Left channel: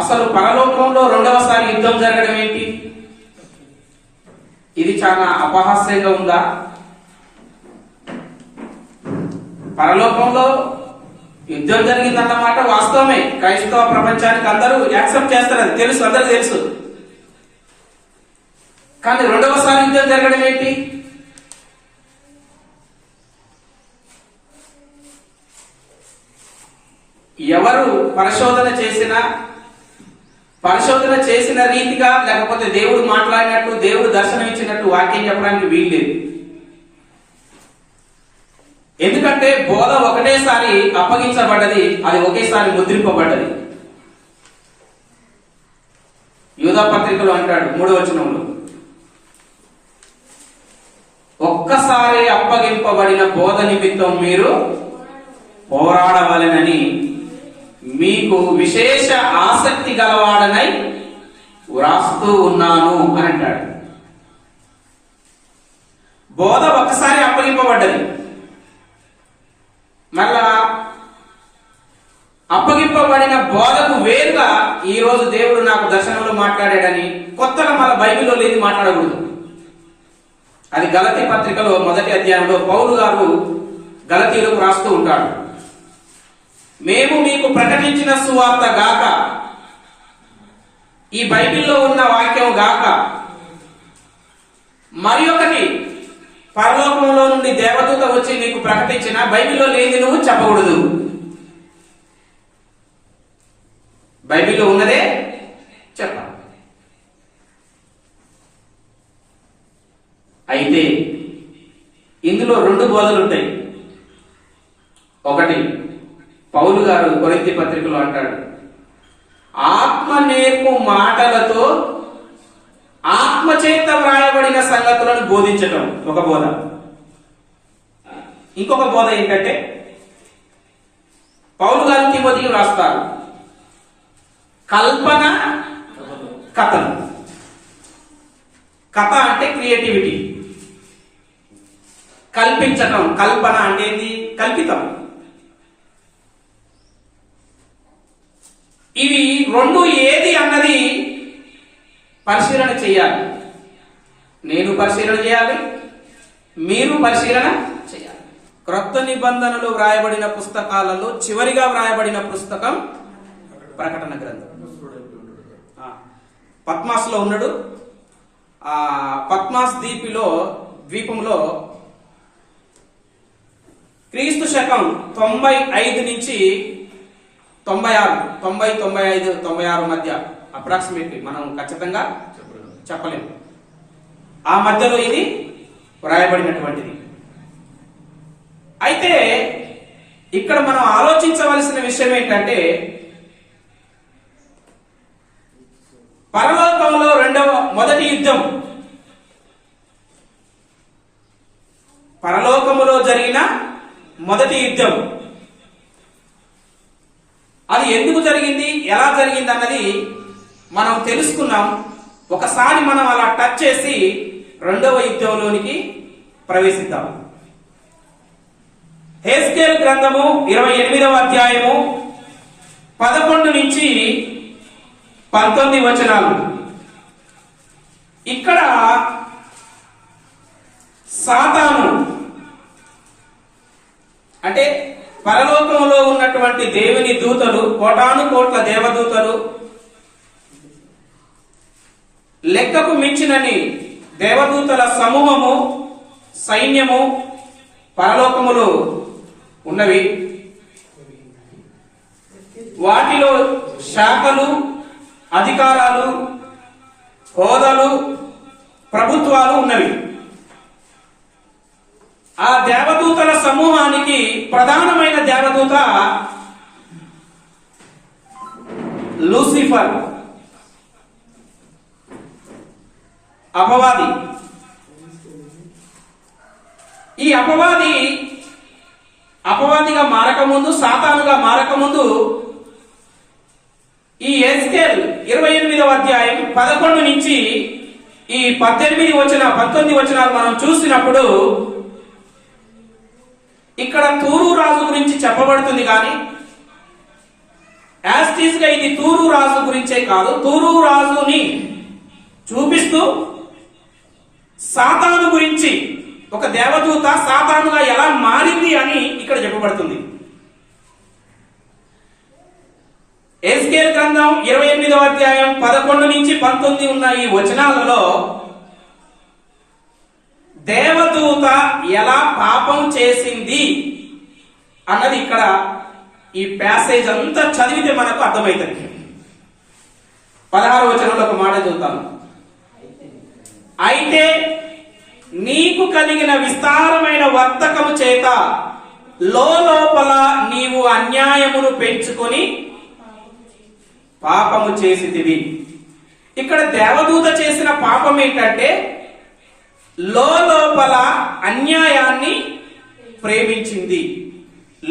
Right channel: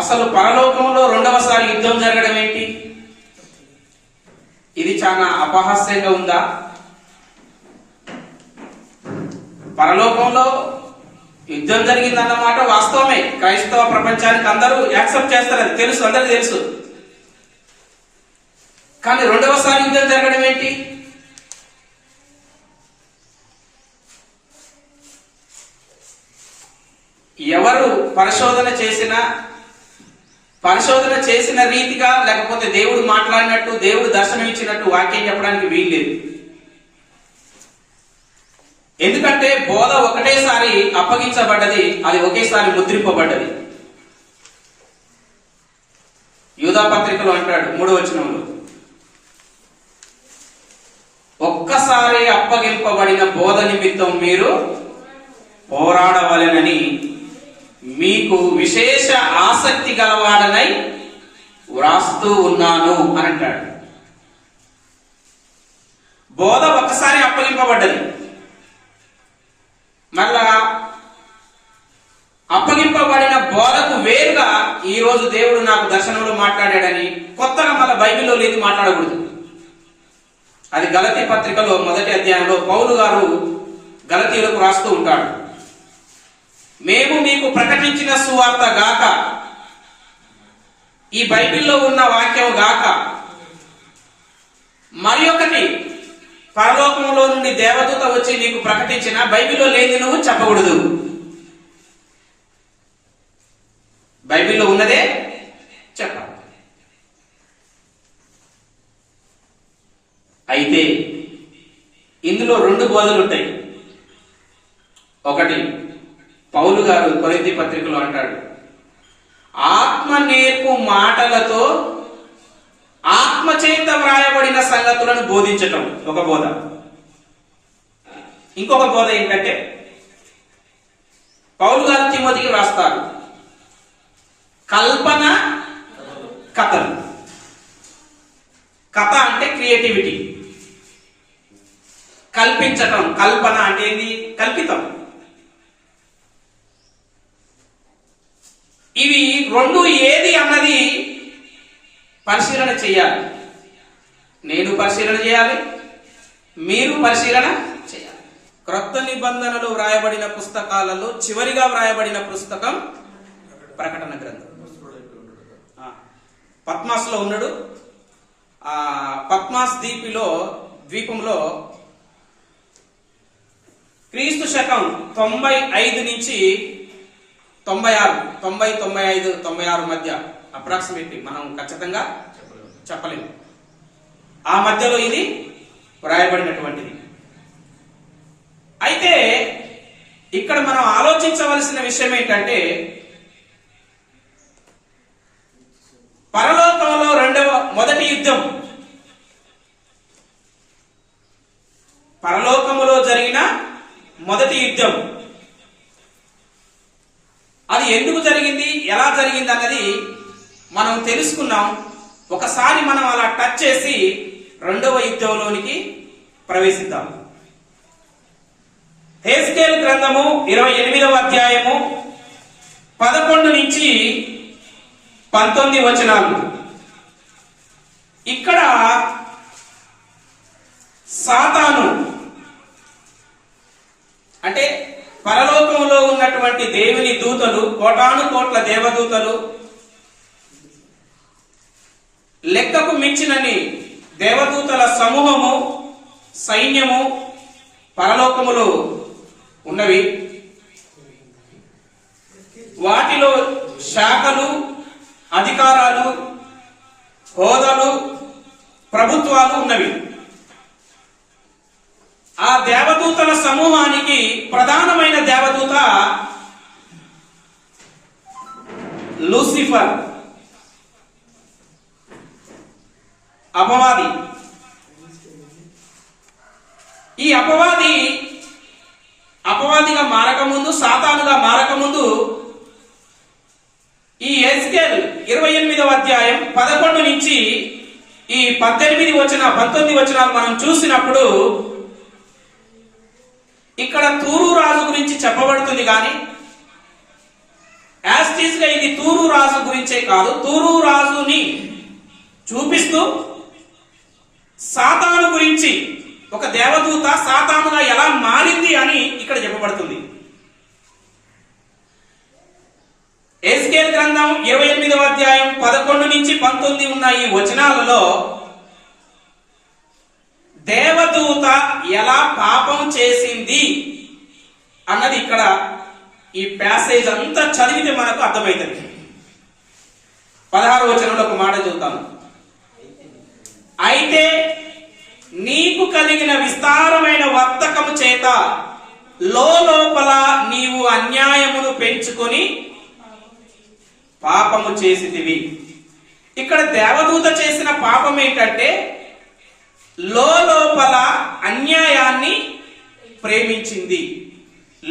అసలు పరలోకంలో రెండవసారి యుద్ధం జరగడం ఏంటి? ఇది చాలా అపహాస్యంగా ఉందా? పరలోకంలో యుద్ధం జరిగిందన్నమాట వాస్తవమే. క్రైస్తవ ప్రపంచానికి అందరూ యాక్సెప్ట్ చేస్తారు, అది తెలుసు, అందరికీ తెలుసు. కానీ రెండవసారి యుద్ధం జరగడం ఏంటి? ఎవరు పరిశోధన చేసిన రీతిగా, లేకపోతే దేవుడు మాట్లాడినట్టు, దేవుడు దర్శనం ఇచ్చినట్టు వాక్యం చెప్పడానికి వీల్లేదు. ఎందుకంటే బోధ ఒకటేసారి అప్పగించబడ్డది, అది ఒకేసారి ముద్రింపబడ్డది. యూదా పత్రికలో అంటాడు 3వ వచనంలో, ఒక్కసారి అప్పగింపబడిన బోధ నిమిత్తం మీరు పోరాడవలెనని మీకు విశేష ఆసక్తి గలవాడనై వ్రాస్తూ ఉన్నాను అని అంటాడు. బోధ ఒక్కసారి అప్పగింపబడ్డది. మళ్ళా అప్పగింపబడిన బోధకు వేరుగా ఈ రోజు దేవుడు నాకు దర్శనంలో మాట్లాడాడని కొత్తగా మన బైబిల్లో లేదు, మాట్లాడకూడదు. అది గలతీ పత్రికలో 1వ అధ్యాయంలో పౌలు గారు గలతీలకు రాస్తూ ఉంటాడు. మేము మీకు ప్రకటించిన సువార్త గాక, ఈ బైబిల్లో ఉన్న వాక్యం గాక, మరి ఒకటి పరలోకంలో నుండి దేవదూత వచ్చి నీకు ప్రకటించిన బైబిల్లో లేని నువ్వు చెప్పకూడదు. బైబిల్లో ఉన్నదే చెప్పాలి. అయితే ఇందులో 2 బోధలు ఉంటాయి. ఒకటి పౌలు గారు కొరింథీ పత్రికలో అంటాడు, ఆత్మ నేర్పు మాటలతో ఆత్మచేత వ్రాయబడిన సంగతులను బోధించటం ఒక బోధ. ఇంకొక బోధ ఏంటంటే పౌలు గారు తిమోతికి వ్రాస్తారు, కల్పన కథలు. కథ అంటే క్రియేటివిటీ, కల్పించటం. కల్పన అంటే ఏంది? కల్పితం. ఇవి 2 ఏది అన్నది పరిశీలన చేయాలి. నేను పరిశీలన చేయాలి, మీరు పరిశీలన చేయాలి. క్రొత్త నిబంధనలు వ్రాయబడిన పుస్తకాలలో చివరిగా వ్రాయబడిన పుస్తకం ప్రకటన గ్రంథం. పద్మాస్లో ఉన్నాడు. ఆ పద్మాస్ ద్వీపంలో క్రీస్తు శకం 95 నుంచి 96, 90, 95, 96 మధ్య అప్రాక్సిమేట్లీ, మనం ఖచ్చితంగా చెప్పలేము. ఆ మధ్యలో ఇది వ్రాయబడినటువంటిది. అయితే ఇక్కడ మనం ఆలోచించవలసిన విషయం ఏంటంటే, పరలోకంలో మొదటి యుద్ధం, పరలోకములో జరిగిన మొదటి యుద్ధం, అది ఎందుకు జరిగింది, ఎలా జరిగింది అన్నది మనం తెలుసుకున్నాం. ఒకసారి మనం అలా టచ్ చేసి 2వ యుద్ధంలోనికి ప్రవేశిద్దాం. హెస్కేల్ గ్రంథము 28వ అధ్యాయము 11 నుంచి 19 వచనాలు. ఇక్కడ సాతాను అంటే పరలోకంలో ఉన్నటువంటి దేవుని దూతలు, కోటాను కోట్ల దేవదూతలు, లెక్కకు మించినని దేవదూతల సమూహము, సైన్యము పరలోకములో ఉన్నవి. వాటిలో శాఖలు, అధికారాలు, హోదాలు, ప్రభుత్వాలు ఉన్నవి. ఆ దేవదూతల సమూహానికి ప్రధానమైన దేవదూత లూసిఫర్, అపవాది. ఈ అపవాదిగా మారకముందు, సాతానుగా మారకముందు, ఈ హెస్కేల్ 28వ అధ్యాయం 11 నుంచి ఈ 19 వచనాలు మనం చూసినప్పుడు ఇక్కడ తూరు రాజు గురించి చెప్పబడుతుంది. కానీ యాస్టీస్ గా ఇది తూరు రాజు గురించే కాదు, తూరు రాజుని చూపిస్తూ సాతాను గురించి, ఒక దేవదూత సాతానుగా ఎలా మారింది అని ఇక్కడ చెప్పబడుతుంది. ఎజ్కేల్ గ్రంథం 28వ అధ్యాయం 11 నుంచి 19 ఉన్న ఈ వచనాలలో దేవదూత ఎలా పాపం చేసింది అన్నది ఇక్కడ ఈ ప్యాసేజ్ అంతా చదివితే మనకు అర్థమవుతుంది. 16వ వచనంలో ఒక మాట చదువుతాను. అయితే నీకు కలిగిన విస్తారమైన వర్తకము చేత లోపల నీవు అన్యాయమును పెంచుకొని పాపము చేసితివి. ఇక్కడ దేవదూత చేసిన పాపం ఏంటంటే లోపల అన్యాయాన్ని ప్రేమించింది.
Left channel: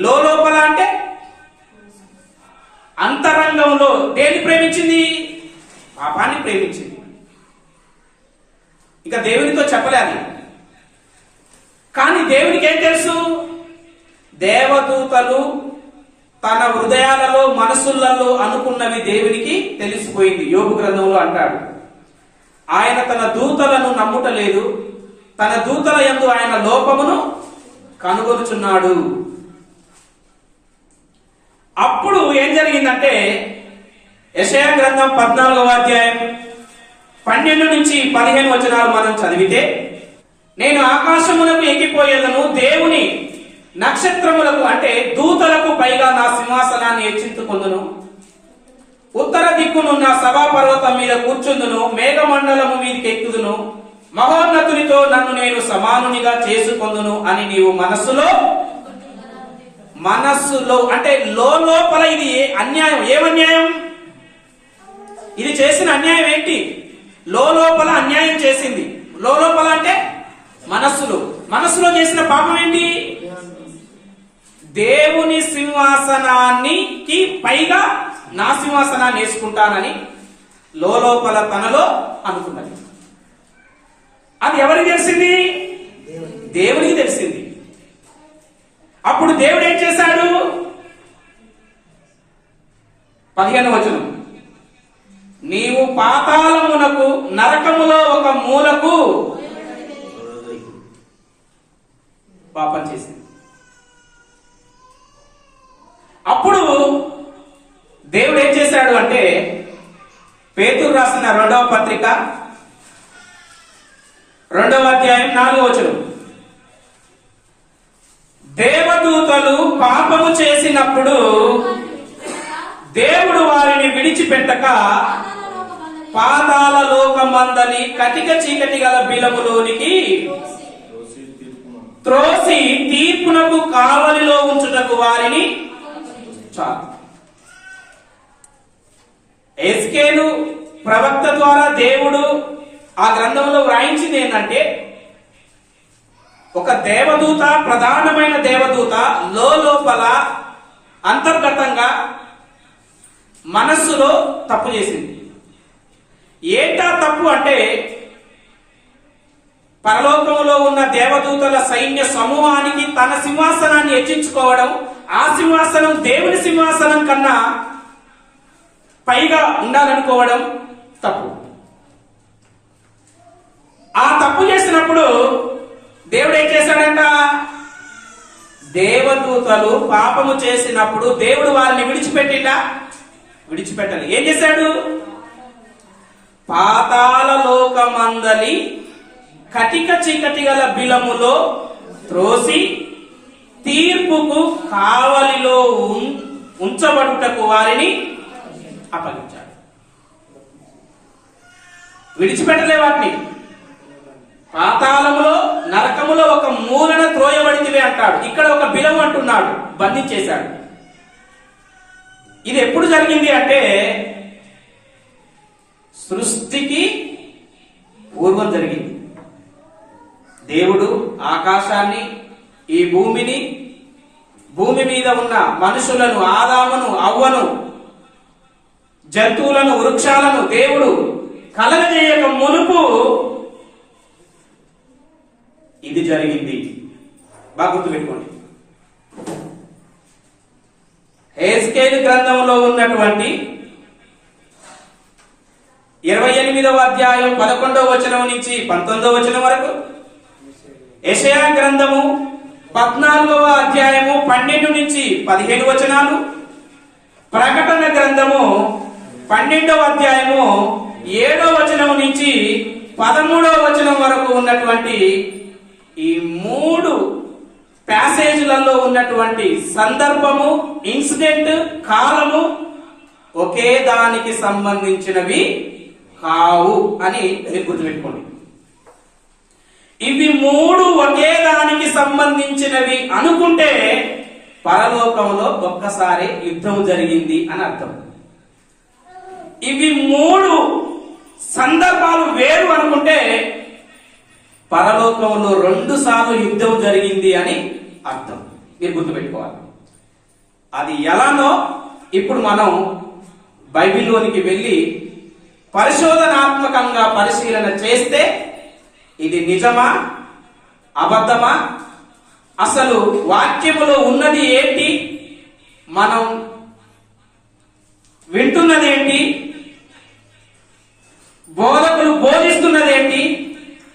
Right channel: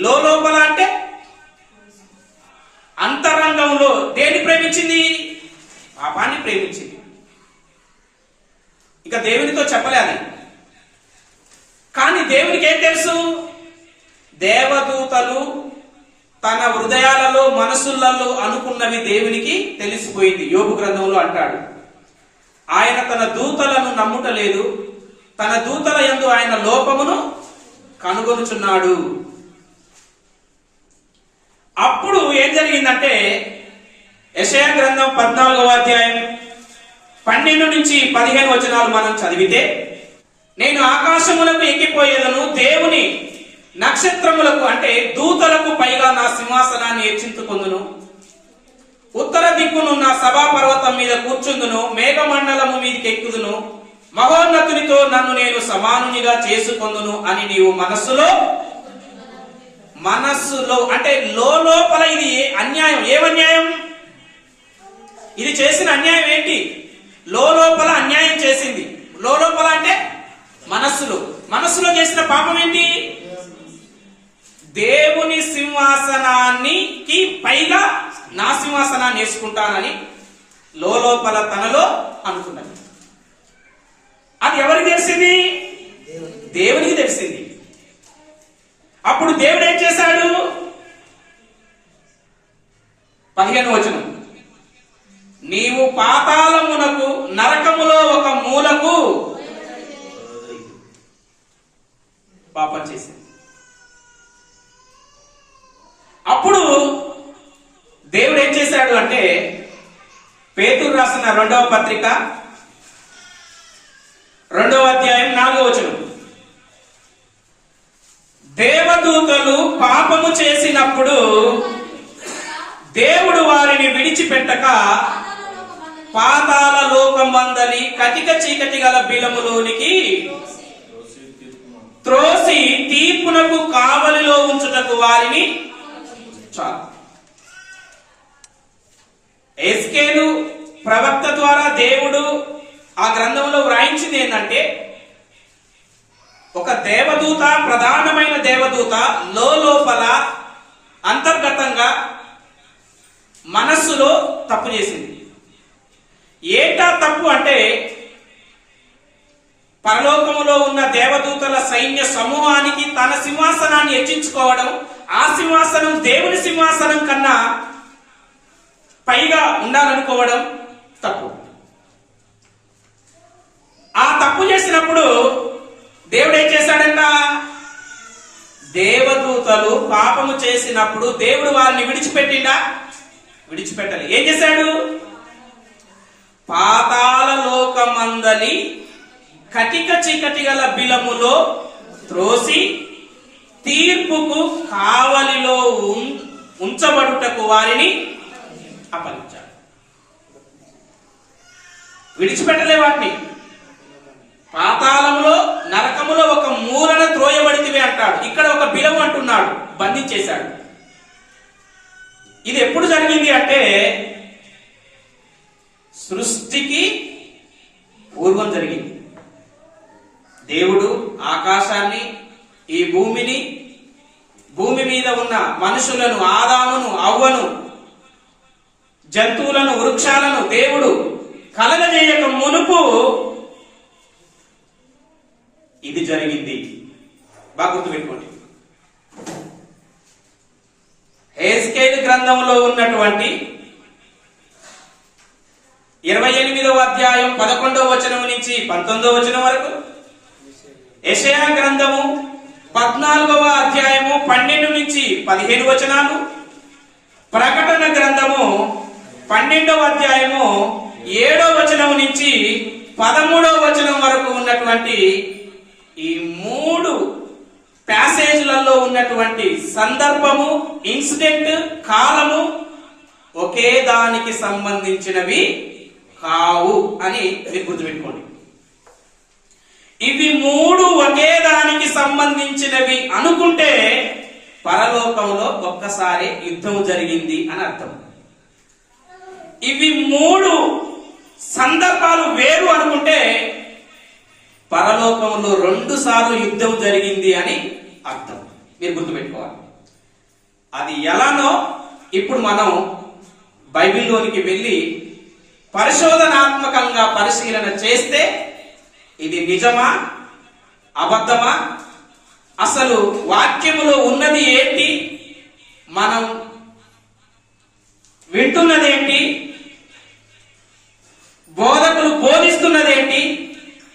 లోపల అంటే అంతరంగంలో దేన్ని ప్రేమించింది? పాపాన్ని ప్రేమించింది. ఇక దేవునితో చెప్పలేదు. కానీ దేవునికి ఏం తెలుసు? దేవదూతలు తన హృదయాలలో మనసులలో అనుకున్నవి దేవునికి తెలిసిపోయింది. యోబు గ్రంథంలో అంటాడు, ఆయన తన దూతలను నమ్ముటలేదు, తన దూతల యందు ఆయన లోపమును కనుగొనుచున్నాడు. అప్పుడు ఏం జరిగిందంటే యెషయా గ్రంథం 14వ అధ్యాయం 12 నుంచి 15 వచనాలు మనం చదివితే, నేను ఆకాశములకు ఎక్కిపోయేదను, దేవుని నక్షత్రములకు అంటే దూతలకు పైగా నా సింహాసనాన్ని హెచ్చించుకొందును, ఉత్తర దిక్కునున్న సభా పర్వతం మీద కూర్చుందును, మేఘమండలము మీదకి ఎక్కుదును, మహోన్నతునితో నన్ను నేను సమానునిగా చేసుకొందును అని నీవు మనస్సులో అంటే లోపల ఇది అన్యాయం. ఏమన్యాయం? ఇది చేసిన అన్యాయం ఏంటి? లోపల అన్యాయం చేసింది. లోపల అంటే మనస్సులో చేసిన పాపం ఏంటి? దేవుని సింహాసనానికి పైగా నా సింహాసనాన్ని వేసుకుంటానని లోపల తనలో అనుకున్నది. అది ఎవరికి తెలిసింది? దేవునికి తెలిసింది. అప్పుడు దేవుడు ఏం చేశాడు? 15వ వచనం, నీవు పాతాళమునకు నరకములో ఒక మూలకు పాపం చేసింది. అప్పుడు దేవుడు ఏం చేశాడు అంటే, పేతురు రాసిన 2వ పత్రిక 2వ అధ్యాయం 4వ వచనం, దేవదూతలు పాపము చేసినప్పుడు దేవుడు వారిని విడిచిపెట్టక పాతాళ లోకమందలి కటిక చీకటి గల బిలములోనికి త్రోసి తీర్పునకు కావలిలో ఉంచుటకు వారిని చాలు. ఎజ్కేలు ప్రవక్త ద్వారా దేవుడు ఆ గ్రంథంలో వ్రాయించింది ఏంటంటే, ఒక దేవదూత, ప్రధానమైన దేవదూత లోపల అంతర్గతంగా మనస్సులో తప్పు చేసింది. ఏంటా తప్పు అంటే, పరలోకములో ఉన్న దేవదూతల సైన్య సమూహానికి తన సింహాసనాన్ని హెచ్చించుకోవడం, ఆ సింహాసనం దేవుని సింహాసనం కన్నా పైగా ఉండాలనుకోవడం తప్పు. ఆ తప్పు చేసినప్పుడు దేవుడు ఏం చేశాడంట? దేవదూతలు పాపము చేసినప్పుడు దేవుడు వారిని విడిచిపెట్టిండా? విడిచిపెట్టాలి. ఏం చేశాడు? పాతాళ లోకమందలి కటిక చీకటి గల బిలములో త్రోసి తీర్పుకు కావలిలో ఉంచబడుటకు వారిని అప్పగించాడు. విడిచిపెట్టలే వాటిని. పాతాళములో నరకములో ఒక మూలన త్రోయబడితివే అంటాడు. ఇక్కడ ఒక బిలము అంటున్నాడు, బంధించేశాడు. ఇది ఎప్పుడు జరిగింది అంటే, సృష్టికి పూర్వం జరిగింది. దేవుడు ఆకాశాన్ని, ఈ భూమిని, భూమి మీద ఉన్న మనుషులను, ఆదామును, అవ్వను, జంతువులను, వృక్షాలను దేవుడు కలగజేయక మునుపు ఇది జరిగింది. బాగా గుర్తుపెట్టుకోండి. యెహెజ్కేలు గ్రంథంలో ఉన్నటువంటి 28వ అధ్యాయం 11వ వచనం నుంచి 19వ వచనం వరకు, యెషయా గ్రంథము 14వ అధ్యాయము 12 నుంచి 15 వచనాలు, ప్రకటన గ్రంథము 12వ అధ్యాయము 7వ వచనం నుంచి 13వ వచనం వరకు ఉన్నటువంటి ఈ 3 ప్యాసేజ్లలో ఉన్నటువంటి సందర్భము, ఇన్సిడెంట్, కాలము ఒకే దానికి సంబంధించినవి కావు అని మీరు గుర్తుపెట్టుకోండి. ఇవి 3 ఒకే దానికి సంబంధించినవి అనుకుంటే పరలోకంలో ఒక్కసారి యుద్ధం జరిగింది అని అర్థం. ఇవి 3 సందర్భాలు వేరు అనుకుంటే పరలోకంలో 2 సార్లు యుద్ధం జరిగింది అని అర్థం. మీరు గుర్తుపెట్టుకోవాలి. అది ఎలానో ఇప్పుడు మనం బైబిల్లోనికి వెళ్ళి పరిశోధనాత్మకంగా పరిశీలన చేస్తే ఇది నిజమా అబద్ధమా, అసలు వాక్యములో ఉన్నది ఏంటి, మనం వింటున్నది ఏంటి, బోధకులు బోధిస్తున్నది ఏంటి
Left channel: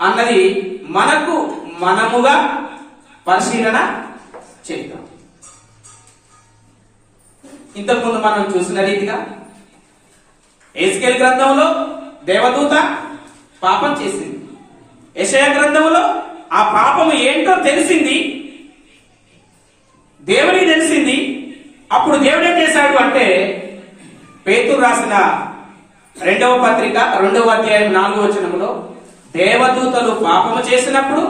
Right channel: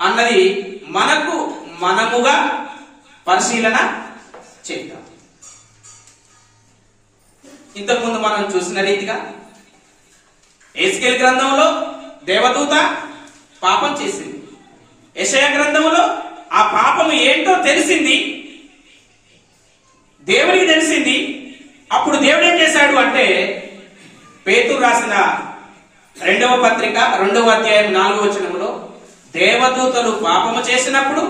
అన్నది మనముగా పరిశీలన చేద్దాం. ఇంతకుముందు మనం చూసిన రీతిగా యెహెజ్కేలు గ్రంథంలో దేవదూత పాపం చేసింది. యెషయా గ్రంథంలో ఆ పాపము ఏంటో తెలిసింది, దేవునికి తెలిసింది. అప్పుడు దేవుడు ఏం చేశాడు అంటే, పేతురు రాసిన 2వ పత్రిక 2వ అధ్యాయం 4వ వచనంలో, దేవదూతలు పాపము చేసినప్పుడు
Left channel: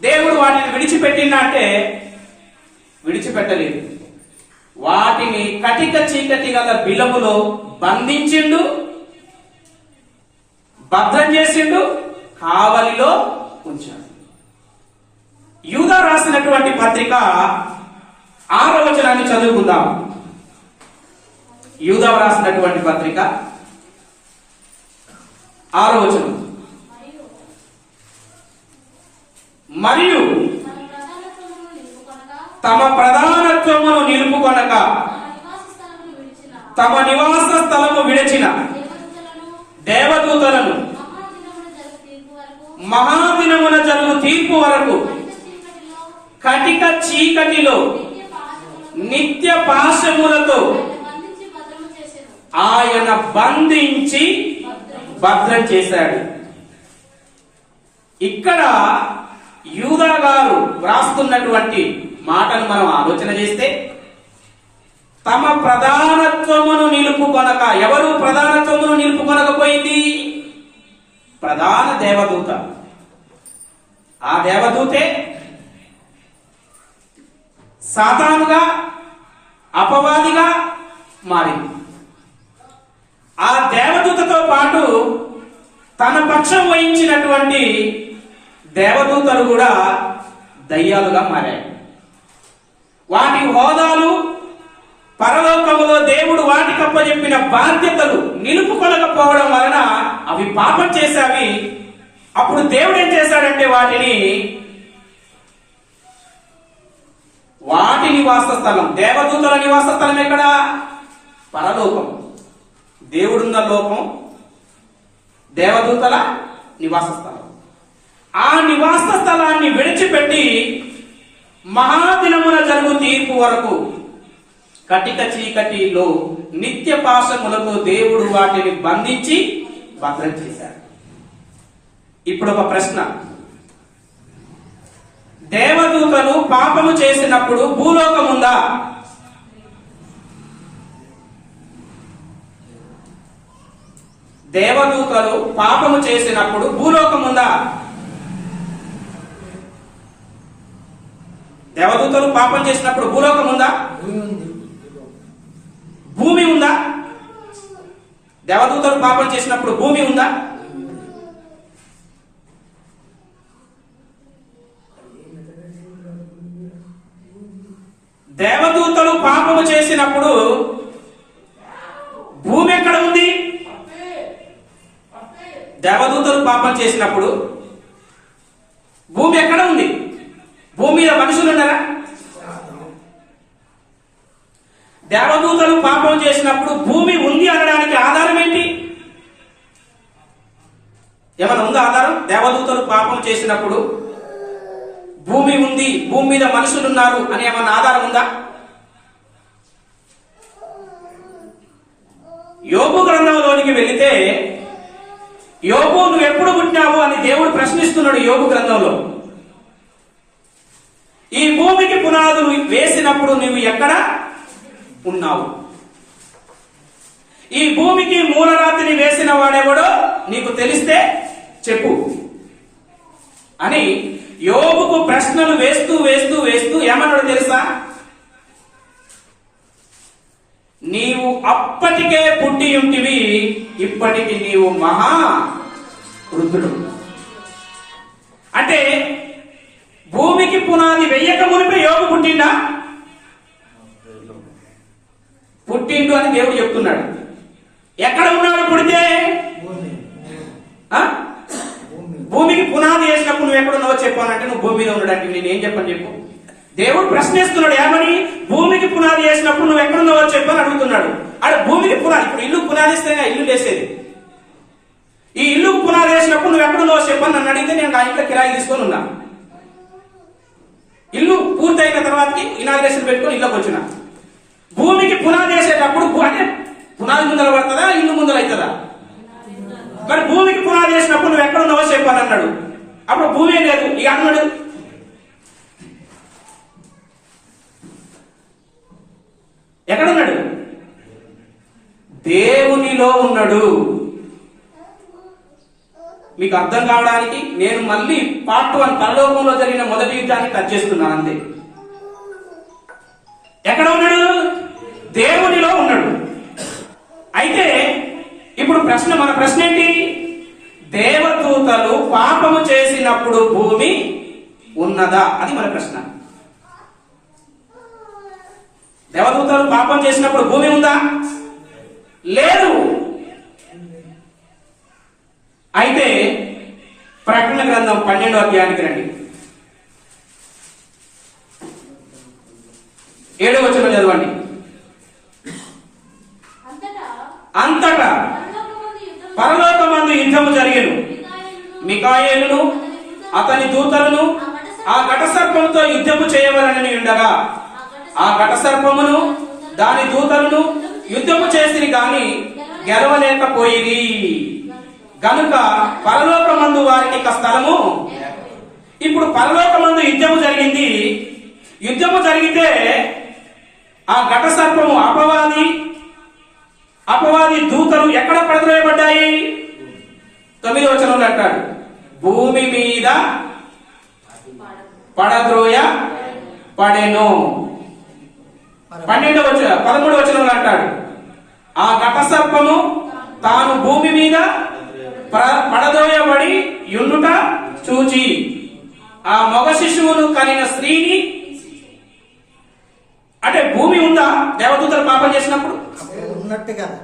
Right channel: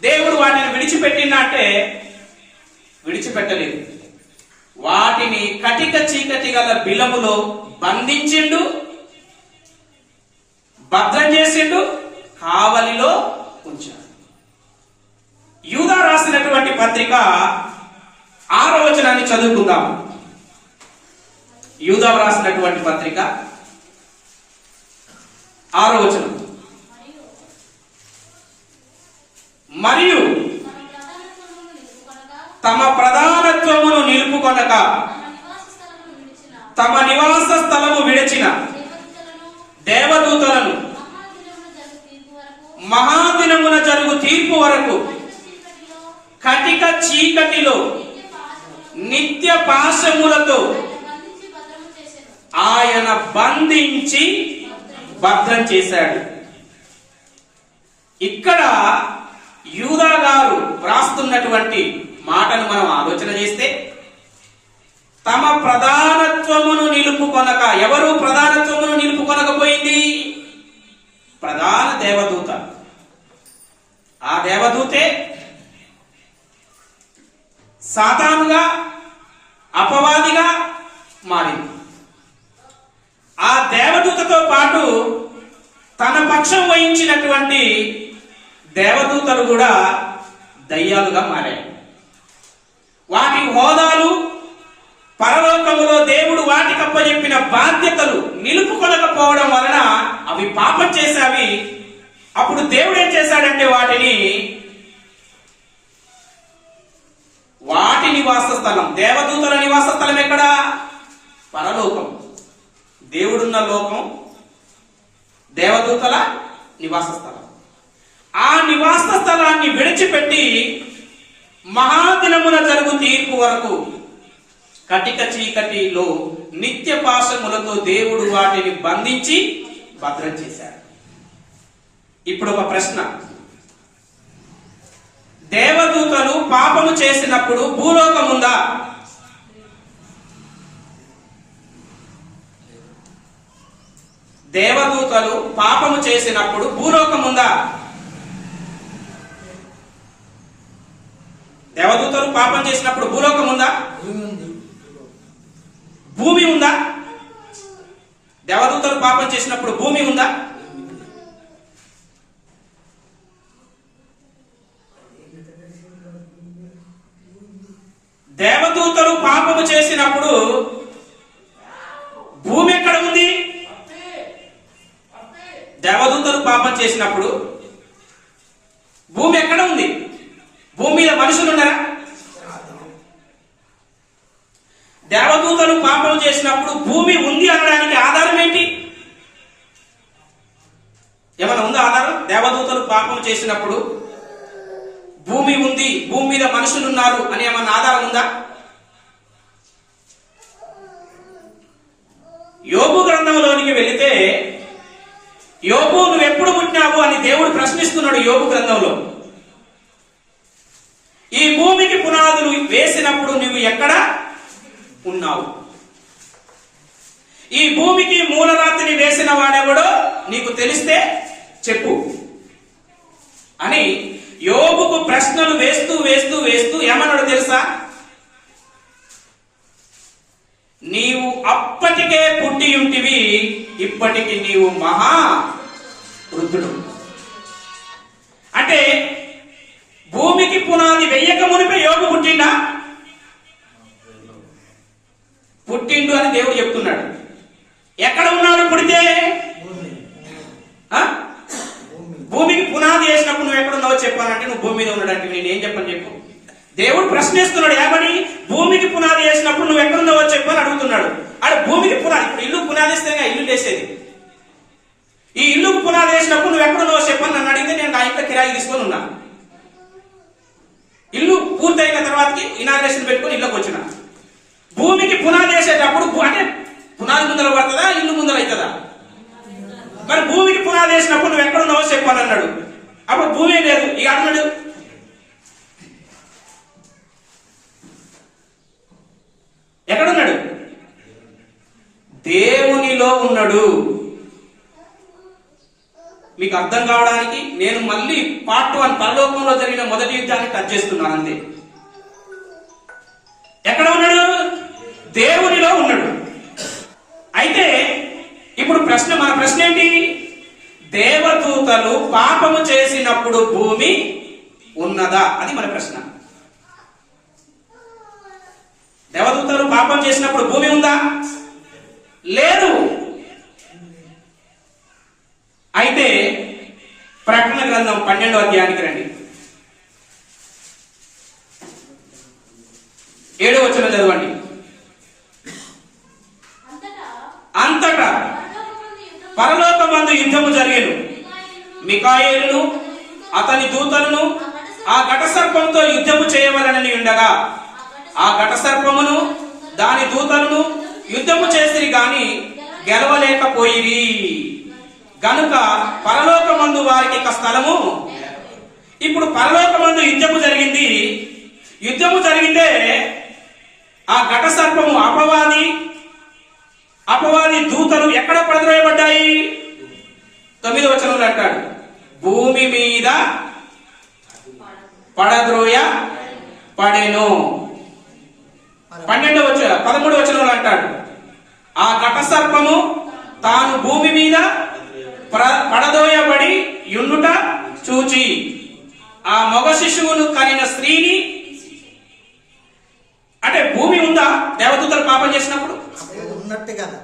దేవుడు వాటిని విడిచిపెట్టిందంటే విడిచిపెట్టలేదు. వాటిని కటిక చీకటి గల బిలములో బంధించిండు, భద్రం చేసిండు, కావలిలో ఉంచాడు. యూదా రాసినటువంటి పత్రిక 6వ వచనాన్ని చదువుకుందాం. యూదా రాసినటువంటి పత్రిక 6వ వచనం. మరియు తమ ప్రధానత్వమును నిలుపుకొనక తమ నివాస స్థలము విడిచిన దేవదూతలను మహాదినమున జరుగు తీర్పు వరకు కటిక చీకటిలో నిత్య పాశములతో ఆయన బంధించి భద్రం చేశాడు. ఇక్కడ యూదా గారు వ్రాస్తున్నటువంటి మాటను మనం ఆలోచన చేస్తే, తమ ప్రధానత్వమును నిలుపుకొనక, ఎవరు ప్రధానత్వమును నిలుపుకొనకపోయింది? ప్రధాన దేవదూత. ఆ దేవదూతే సాతానుగా, అపవాదిగా మారింది. ఆ దేవదూతతో పాటు తన పక్షం వహించినటువంటి దేవదూతలు కూడా దయ్యాలుగా మారాయి. వాటి హోదాలు, పరలోకములో దేవుడు వాటికి అప్పచెప్పిన బాధ్యతలు నిలుపుకొనకపోవడం వలన అవి పాపం చేశావి. అప్పుడు దేవుడు ఏం చేశాడంటే వాటి నివాస స్థలం, దేవదూతల నివాస స్థలం ఎక్కడ? పరలోకం. దేవుడున్న లోకం దేవదూతల నివాస స్థలం. ఆ నివాస స్థలాన్ని విడిచిపెట్టి మహాదినమున జరుగు తీర్పు వరకు కటిక చీకటిలో నిత్య పాశములతో దేవుడు వాటిని బంధించి భద్రం చేశాడు. ఇప్పుడు ఒక ప్రశ్న, దేవదూతలు పాపము చేసినప్పుడు భూలోకం ఉందా? దేవదూతలు పాపము చేసినప్పుడు భూలోకం ఉందా? దేవదూతలు పాపం చేసినప్పుడు భూలోకం ఉందా? భూమి ఉందా? దేవదూతలు పాపం చేసినప్పుడు భూమి ఉందా? దేవదూతలు పాపము చేసినప్పుడు భూమి ఎక్కడ ఉంది? దేవదూతలు పాపం చేసినప్పుడు భూమి ఎక్కడ ఉంది? భూమి మీద మనుషులు ఉన్నారా? దేవదూతలు పాపం చేసినప్పుడు భూమి ఉంది అనడానికి ఆధారం ఏంటి? ఏమైనా ఉందా ఆధారం? దేవదూతలు పాపం చేసినప్పుడు భూమి ఉంది, భూమి మీద మనుషులు ఉన్నారు అని ఏమన్నా ఆధారం ఉందా? యోబు గ్రంథంలోనికి వెళితే, యోబు నువ్వెప్పుడు పుట్టినావు అని దేవుడు ప్రశ్నిస్తున్నాడు యోబు గ్రంథంలో. ఈ భూమికి పునాదులు వేసినప్పుడు నువ్వు ఎక్కడ ఉన్నావు? ఈ భూమికి మూలరాతిని వేసిన వాడెవడో నీకు తెలిస్తే చెప్పు అని యోబుకు ప్రశ్నలు వేస్తూ వేస్తూ వేస్తూ ఏమన్నాడు తెలుసా? నీవు అప్పటికే పుట్టి ఉంటివి, ఇప్పటికి నీవు మహా వృద్ధుడు. అంటే భూమికి పునాది వెయ్యక మునిపే యోబు పుట్టిండా? పుట్టిండు అని దేవుడు చెప్తున్నాడు. ఎక్కడ ఉన్నాడు పుడితే? భూమికి పునాది వేసినప్పుడు నువ్వు ఎక్కడ ఉన్నావో చెప్పానంటే నువ్వు భూమి మీద ఉండడానికి నేనేం చెప్పని చెప్పు. దేవుడు ప్రశ్నిస్తున్నాడు ఏమని? భూమికి పునాది వేసినప్పుడు నువ్వు ఎక్కడున్నావో చెప్పు అని అడుగుతున్నాడు. ఆడు భూమికి పునాది, ఇప్పుడు ఇల్లు పునాది ఇస్తేనే ఇల్లు వేసేది. ఈ ఇల్లు పునాది వేసినప్పుడు నువ్వు ఎక్కడున్నావో చెప్పని నన్ను అడిగితే నేను ఆ ఇంట్లో కిరాయి తీసుకొని ఉన్నా. ఇల్లు పూర్తయిన తర్వాతకి ఇనాగ్రేషన్ పెట్టుకొని ఇళ్ళకి వచ్చిన. భూమికి పునాది వేసేటప్పుడు అంటే పునాది ముందర పడుతుందా, ఇల్లు ముందర అవుతుందా? మరి భూమికి పునాది వేసినప్పుడు నువ్వు ఎక్కడ ఉన్నావో చెప్పాను అన్నాడు. అప్పుడు భూమి లేదు. ఇక అన్నాడు ఎక్కడున్నాడు? దేవునిలో ఉన్నాడు. మీకు అర్థం కావడానికి నేను మళ్ళీ పార్ట్ 1 పరలోకంలో జరిగిన మొదటి యుద్ధాన్ని టచ్ చేస్తున్నాను అంతే. ఎక్కడ ఉన్నాడు? దేవునిలో ఉన్నాడు. అయితే ఇప్పుడు మన ప్రశ్న ఏంటి? దేవదూతలు పాపము చేసినప్పుడు భూమి ఉన్నదా? అది మన ప్రశ్న. దేవదూతలు పాపం చేసినప్పుడు భూమి ఉందా? లేదు. అయితే ప్రకటన గ్రంథం 12వ అధ్యాయానికి రండి. 7వ వచనం చదవండి. అంతటా పరలోకమందు యుద్ధము జరిగెను. మికాయేలును అతని దూతలను ఆ ఘటసర్పంతో యుద్ధము చేయవలనని ఉండగా ఆ ఘటసర్పమును దాని దూతలను యుద్ధము చేసిరి గాని గెలవలేకపోయిరి. గనుక పరలోకమందు వారికి ఇక స్థలము. ఇప్పుడు పరలోకమందు యుద్ధము జరిగింది. యుద్ధము జరిగితే ఆ ఘటసర్పము అపవాది దూతలు ఎక్కడ పడద్రోయబడ్డాయి? 9వ వచనంలో అంటాడు భూమి మీద పడద్రోయ పడెను. 13వ వచనంలో అంటాడు ఆ ఘటసర్పము తాను భూమి మీద పడదోయబడి యుండుట చూచి ఆ మగ శిశువును కనిన స్త్రీని. అంటే భూమి ఉందా దేవదూతలు పాపం చేసినప్పుడు? ఉన్నట్టు కదా,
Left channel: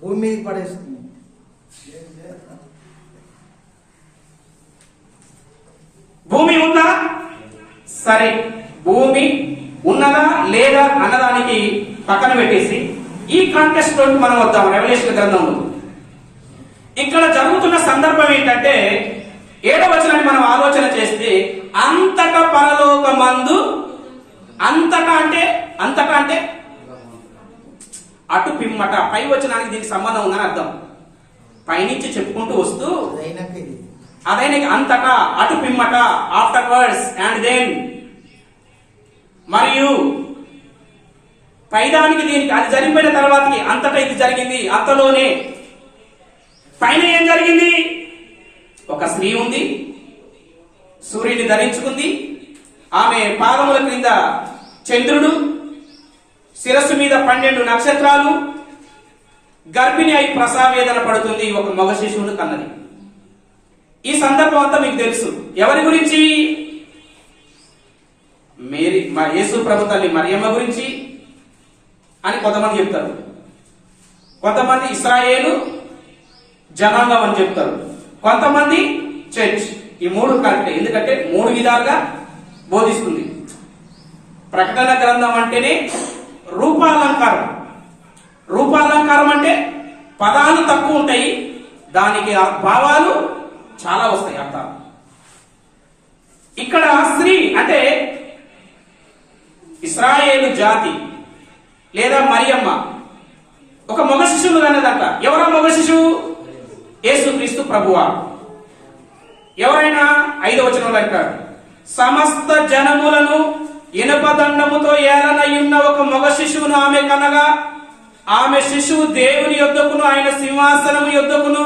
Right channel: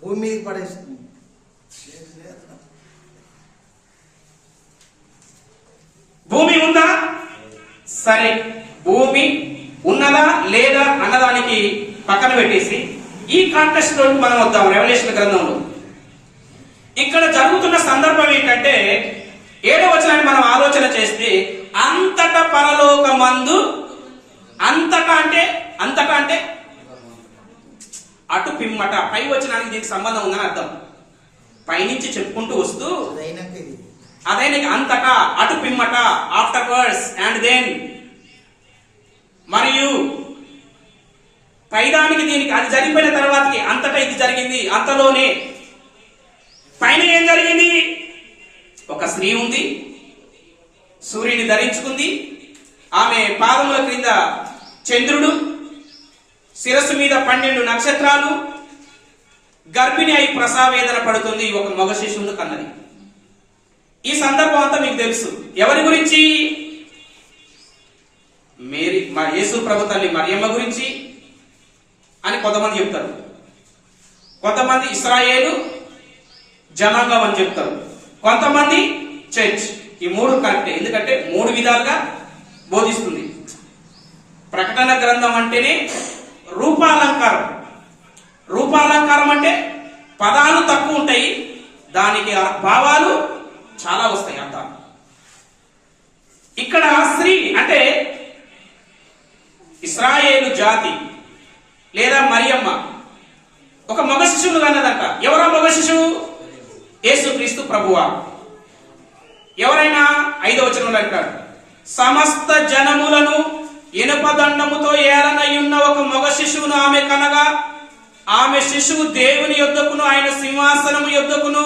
భూమి మీదకి పడేసింది. భూమి ఉందా? సరే, భూమి ఉన్నదా లేదా అన్నదానికి పక్కన పెట్టేసి ఈ కాంటెక్స్ట్ లోకి మనం వద్దాం. రెవల్యూషన్ గ్రంథంలో ఇక్కడ జరుగుతున్న సందర్భం ఏంటంటే 7వ వచనాన్ని మనం ఆలోచన చేస్తే అంతటా పరలోకమందు. అంతటా అంటే అటు పిమ్మట, పై వచనానికి దీనికి సంబంధం ఉందని అర్థం. పైనుంచి చెప్పుకుంటూ వస్తూ అదైనా అంతటా, అటు పిమ్మట, ఆఫ్టర్వర్డ్స్ అండ్ దెన్, మరియు పైదానికి దీనికి అది జరిగిపోయిన తర్వాతకి అంతటా ఇది జరిగింది. అంతలోనే పైన ఏం జరిగింది? ఒక స్త్రీ ఉంది, సూర్యుని ధరించుకుంది. ఆమె పాదముల క్రింద చంద్రుడు, శిరస్సు మీద 12 నక్షత్రాలు, గర్భిణి అయి ప్రసవేదన పడుతుంది. ఒక మగ శిశువును కన్నది. ఈ సందర్భం అంతా మీకు తెలుసు. ఎవరి గురించి? యేసు ప్రభు తల్లి మరియమ్మ గురించి అని కొంతమంది చెప్తారు. కొంతమంది ఇశ్రాయేలు జనాంగం అని చెప్తారు. కొంతమంది చర్చ్. ఈ 3 కరెక్టే, ఎందుకంటే 3 విధాలుగా బోధిస్తుంది. ప్రకటన గ్రంథం అంటేనే రూపాలంకారం. రూపాలంకారం అంటే పదాలు తక్కువ ఉంటాయి, దానికి భావాలు చాలా వస్తాయి అర్థాలు. ఇక్కడ స్త్రీ అంటే ఇశ్రాయేలు జాతి లేదా మరియమ్మ ఒక మగ శిశువును కన్నదంట. ఎవరా మగ శిశువు? యేసుక్రీస్తు ప్రభువారు. ఎవరైనా 5వ వచనంలో అంటాడు, సమస్త జనములను ఇనుపదండముతో ఏలనయున్న ఒక మగ శిశువును ఆమె కనగా ఆమె శిశువు దేవుని యొద్దకును ఆయన సింహాసనము యొద్దకును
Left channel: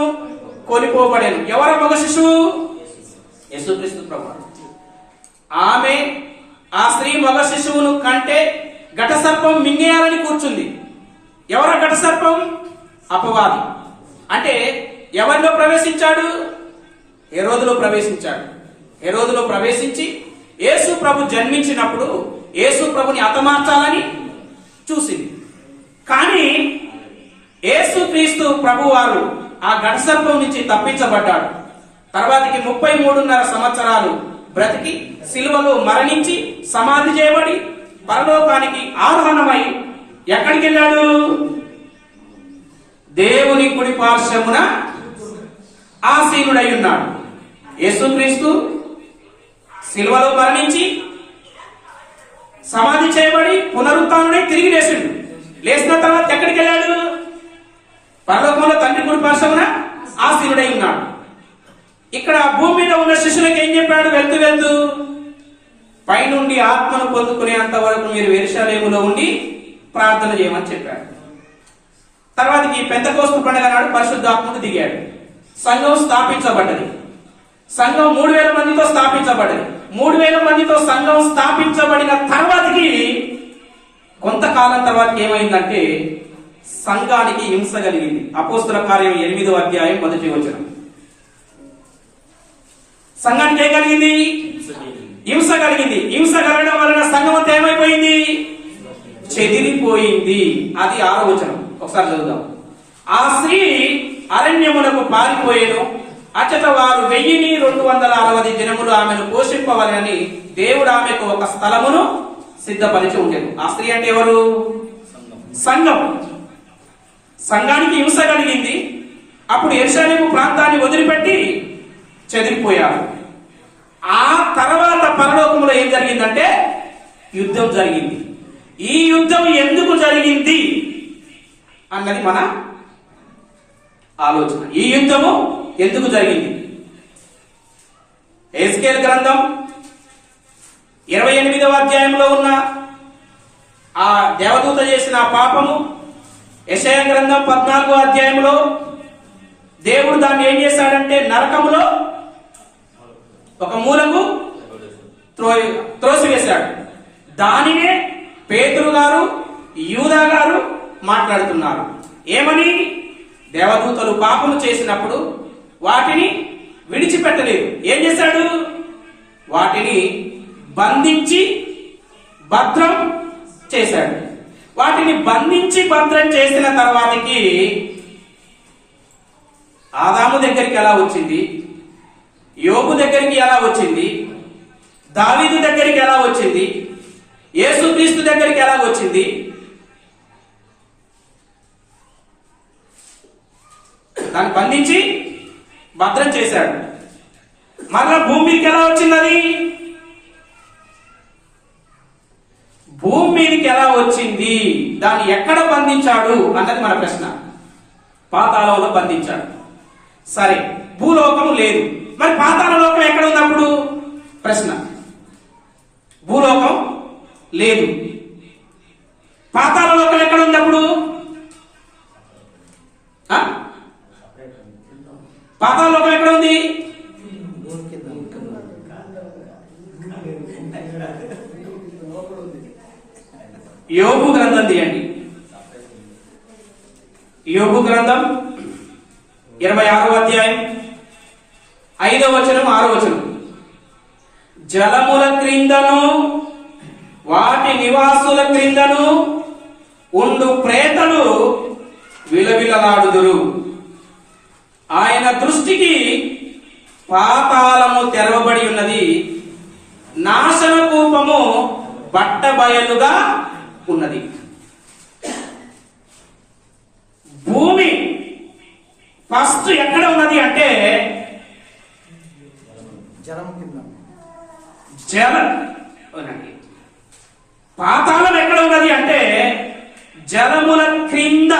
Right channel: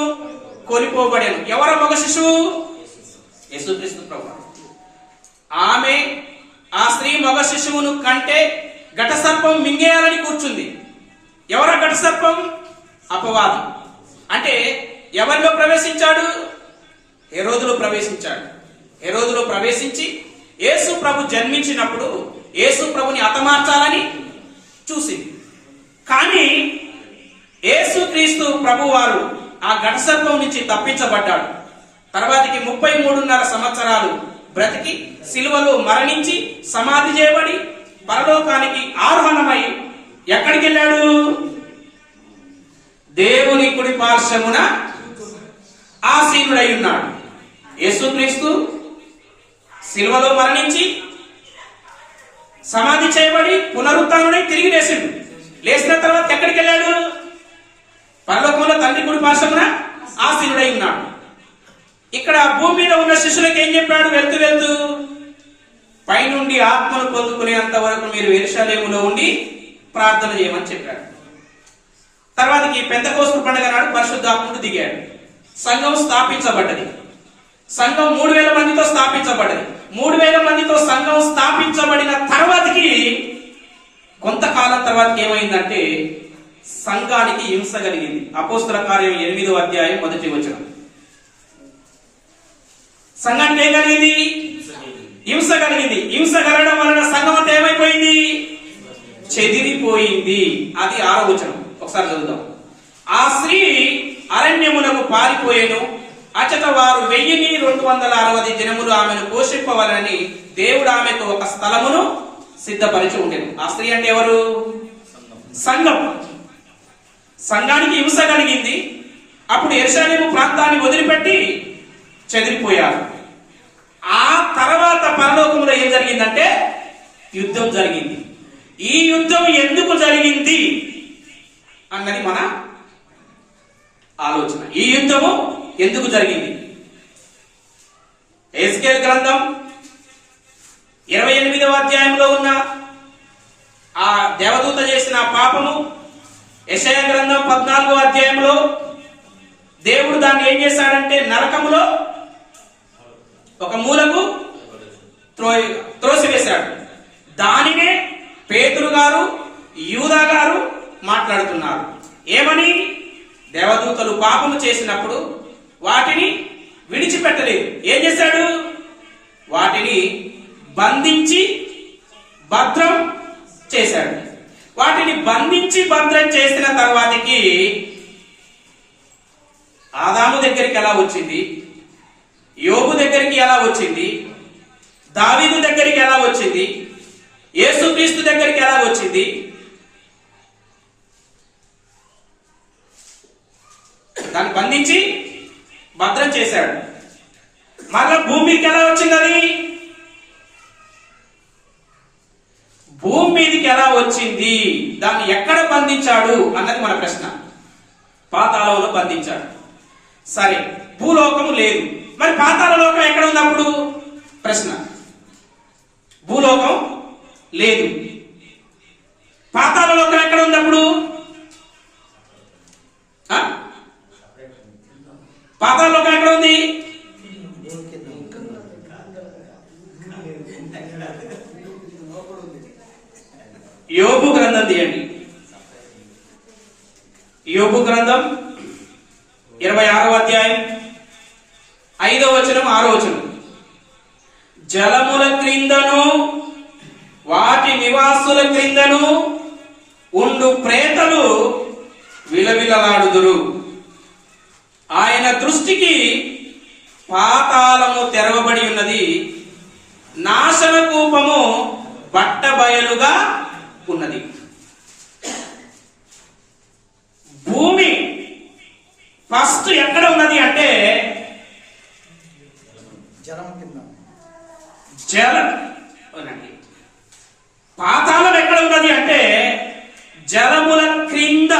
కొనిపోబడెను. ఎవర మగ శిశువు? యేసుక్రీస్తు ప్రభువారు. ఆమె ఆ స్త్రీ మగ శిశువును కంటే ఘటసర్పం మింగేయాలని కూర్చుంది. ఎవరా ఘటసర్పం? అపవాది. అంటే ఎవరిలో ప్రవేశించాడు? హెరోదులో ప్రవేశించాడు. హెరోదులో ప్రవేశించి యేసు ప్రభు జన్మించినప్పుడు యేసు ప్రభుని హతమార్చాలని చూసింది. కానీ యేసుక్రీస్తు ప్రభువారు ఆ ఘటసర్పం నుంచి తప్పించబడ్డాడు. తర్వాతికి 33.5 సంవత్సరాలు బ్రతికి సిలువలో మరణించి సమాధి చేయబడి పరలోకానికి ఆరోహణమై ఎక్కడికి వెళ్ళాడు? దేవుని కుడి పార్శ్వమున ఆసీనుడై ఉన్నాడు. యేసుక్రీస్తు సిలువలో మరణించి సమాధి చేయబడి పునరుత్థానుడై తిరిగి లేచిండు. లేచిన తర్వాత ఎక్కడికి వెళ్ళాడు? పరలోకంలో తండ్రి కుడి పార్శ్వమున ఆసీనుడై ఉన్నాడు. ఇక్కడ భూమి మీద ఉన్న శిష్యులకు ఏం చెప్పాడు? వెళ్తూ వెళ్తూ పైనుండి ఆత్మను పొందుకునేంత వరకు మీరు యెరూషలేములో ఉండి ప్రార్థన చేయమని చెప్పాడు. తర్వాతకి పెంతెకోస్తు పండుగ నాడు పరిశుద్ధాత్ముడు దిగాడు. సంఘం స్థాపించబడ్డది. సంఘం 3000 మందితో స్థాపించబడ్డది. 3000 మందితో సంఘం స్థాపించబడిన తర్వాతకి కొంతకాలం తర్వాత ఏమైందంటే సంఘానికి హింస కలిగింది. అపోస్తుల కార్యం 8వ అధ్యాయం 1వ వచనం. సంఘానికి ఏం కలిగింది? హింస కలిగింది. హింస కలగడం వలన సంఘం అంతా ఏమైపోయింది? చెదిరిపోయింది. అది 6వ వచనం. ఒకసారి చదువుదాం. ఆ స్త్రీ అరణ్యమునకు పారిపోయేను, అచట వారు 1260 దినములు ఆమెను పోషింపవలనని దేవుడు ఆమెకు ఒక స్థలమును సిద్ధపరిచి ఉండేది. ఆ స్త్రీ అంటే ఎవరు? సంఘం. సంఘానికి హింస కలిగింది. అప్పుడు యెరూషలేము ప్రాంతాన్ని వదిలిపెట్టి చెదిరిపోయారు. ఆ తర్వాత పరలోకములో ఏం జరిగిందంటే యుద్ధం జరిగింది. ఈ యుద్ధం ఎందుకు జరిగింది అన్నది మన ఆలోచన. ఈ యుద్ధము ఎందుకు జరిగింది? ఎహెజ్కేలు గ్రంథం 28వ అధ్యాయంలో ఉన్న ఆ దేవదూత చేసిన పాపము, యెషయా గ్రంథం 14వ అధ్యాయంలో దేవుడు దాన్ని ఏం చేశాడంటే నరకములో ఒక మూలకు త్రోసివేశాడు. దానినే పేతురు గారు, యూదా గారు మాట్లాడుతున్నారు. ఏమని? దేవదూతలు పాపము చేసినప్పుడు వాటిని విడిచిపెట్టలేదు. ఏం చేశాడు? వాటిని బంధించి భద్రం చేశాడు. వాటిని బంధించి భద్రం చేసిన తర్వాతకి ఆదాము దగ్గరికి ఎలా వచ్చింది? యోబు దగ్గరికి ఎలా వచ్చింది? దావీదు దగ్గరికి ఎలా వచ్చింది? యేసుక్రీస్తు దగ్గరికి ఎలా వచ్చింది? దాన్ని బంధించి భద్రం చేశాడు. మళ్ళా భూమి మీదకి ఎలా వచ్చింది? అది భూమి మీదకి ఎలా వచ్చింది? దాన్ని ఎక్కడ బంధించాడు అన్నది మన ప్రశ్న. పాతాళంలో బంధించాడు. సరే, భూలోకము లేదు. మరి పాతాళ లోకం ఎక్కడ ఉన్నప్పుడు? ప్రశ్న. భూలోకం లేదు. పాతాళ లోకం ఎక్కడ ఉన్నప్పుడు? పాతాళ లోకం ఎక్కడ ఉంది? యోబు గ్రంథం తీయండి. యోబు గ్రంథం 26వ అధ్యాయం 5వ వచనం 6వ వచనం. జలముల క్రిందను వాటి నివాసుల క్రిందను ఉండు ప్రేతలు విలవిలలాడుదురు. ఆయన దృష్టికి పాతాళము తెరవబడి ఉన్నది, నాశన కూపము బట్టబయలుగా ఉన్నది. భూమి ఫస్ట్ ఎక్కడ ఉన్నది అంటే జలం కింద. పాతాళం ఎక్కడ ఉన్నది అంటే జలముల క్రింద.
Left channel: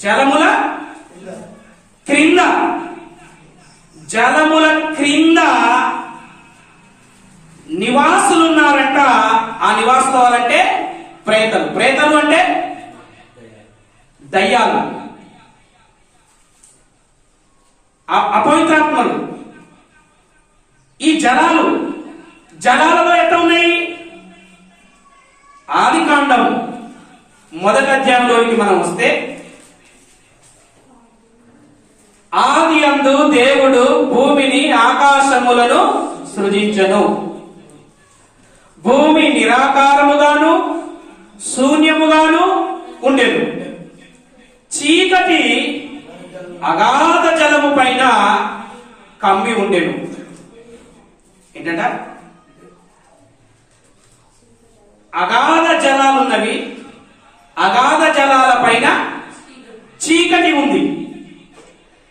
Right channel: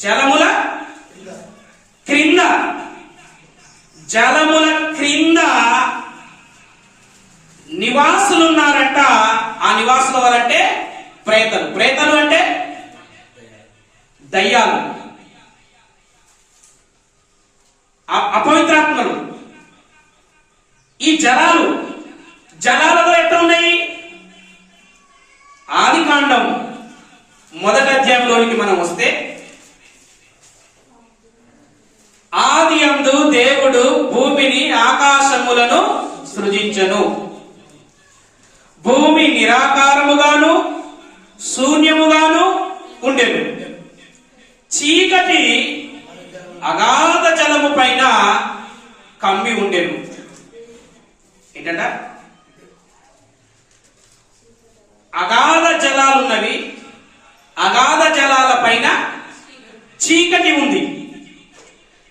జలముల క్రింద. జలముల క్రింద నివాసులు ఉన్నారంట. ఆ నివాసులు ఎవరంటే ప్రేతలు. ప్రేతలు అంటే దయ్యాలు, అపవిత్రాత్మలు. ఈ జలాలలో ఎట్లా ఉన్నాయి? ఆదికాండం 1వ అధ్యాయంలోనికి మనం వస్తే, ఆదియందు దేవుడు భూమిని ఆకాశములను సృజించెను. భూమి నిరాకారముగాను శూన్యముగాను ఉండెను. చీకటి అగాధ జలము పైన కమ్మి ఉండెను. ఏంటంట? అగాధ జలాలున్నవి, అగాధ జలాల పైన చీకటి ఉంది.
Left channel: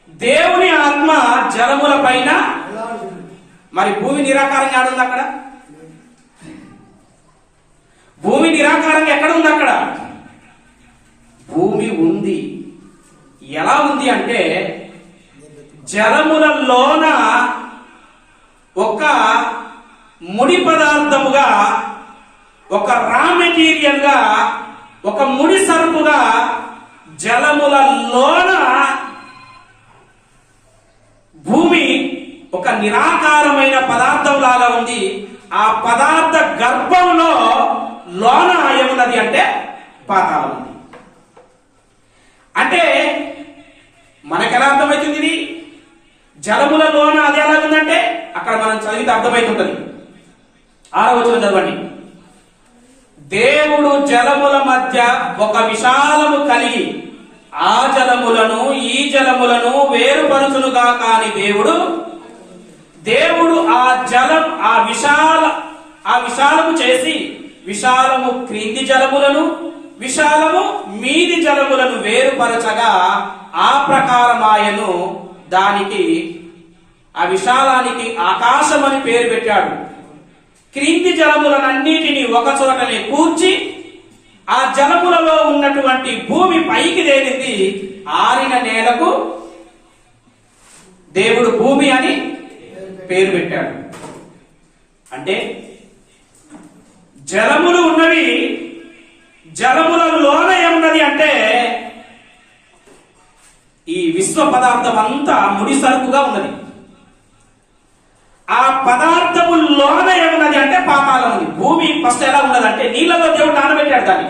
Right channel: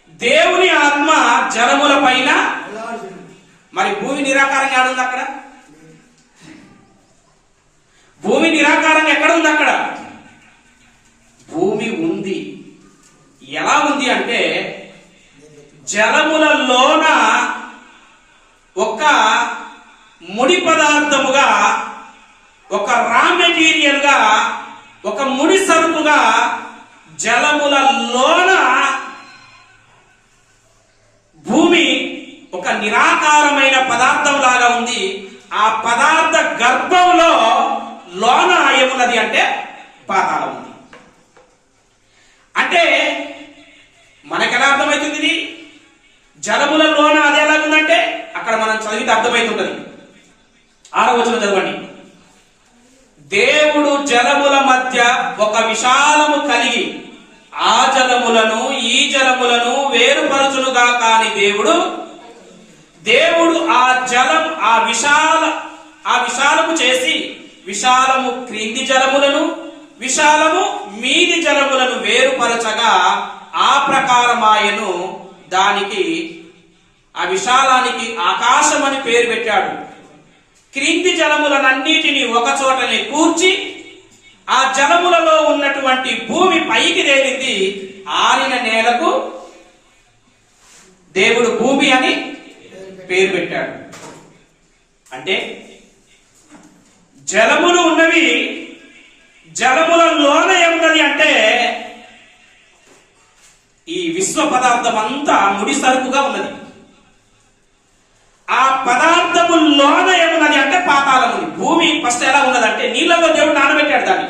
దేవుని ఆత్మ జలముల పైన. మరి భూమి నిరాకారంగా ఆడుంది అక్కడ. భూమి నిరాకారంగా ఎక్కడ ఉంది? అక్కడ భూమి ఉంది. ఎలా ఉంది అంటే జలములలోన ఒక ముడి పదార్థముగా, ఒక రా మెటీరియల్ గా, ఒక ముడి సరుకుగా జలములలోన భూమి ఒక నిరాకారమైన పదార్థం లాగా ఉంది. ఆ పదార్థ గర్భంలో లోన ఏమున్నది అంటే పాతాళం ఉంది. అంటే మనకెలా అర్థమవుతుంది ఇది? జలములలోన అది ఎలాగుందంటే అక్కడ మనం చదివితే అర్థమవుతుంటది. 6వ వచనం చదవండి. దేవుడు జలముల మధ్య ఒక విశాలము కలిగి ఆ జలములను ఈ జలములను వేరుపరుచునుగా. కాని దేవుడు ఆ విశాలము చేసి విశాలము క్రింది జలములను విశాలము మీది జలములను వేరుపరచగా ఆ ప్రకారమాయను. దానికి, ఆ విశాలానికి ఆకాశం అని పేరు పెట్టాడు. క్రింది జలములనన్నిటినీ ఒక చోటనే కూర్చి ఆ జలములలో ఉన్నటువంటి భూమి పైకి తేలింది. ఆరిన నేలకు దేవుడు భూమి అని పేరు పెట్టాడు. అంటే జలములు ఉన్నవి. జలములలోన ఏమున్నది అంటే ఈ విశ్వ పదార్థం అంతా ముడి సరుకుగా ఉన్నది. ఆ పదార్థములోన ఏమున్నది అంటే పాతాళం ఉంది. భూమి ఫస్ట్ ఎలా ఉన్నదంటే నీళ్లలో దేవుడు నానబెట్టాడు దాన్ని.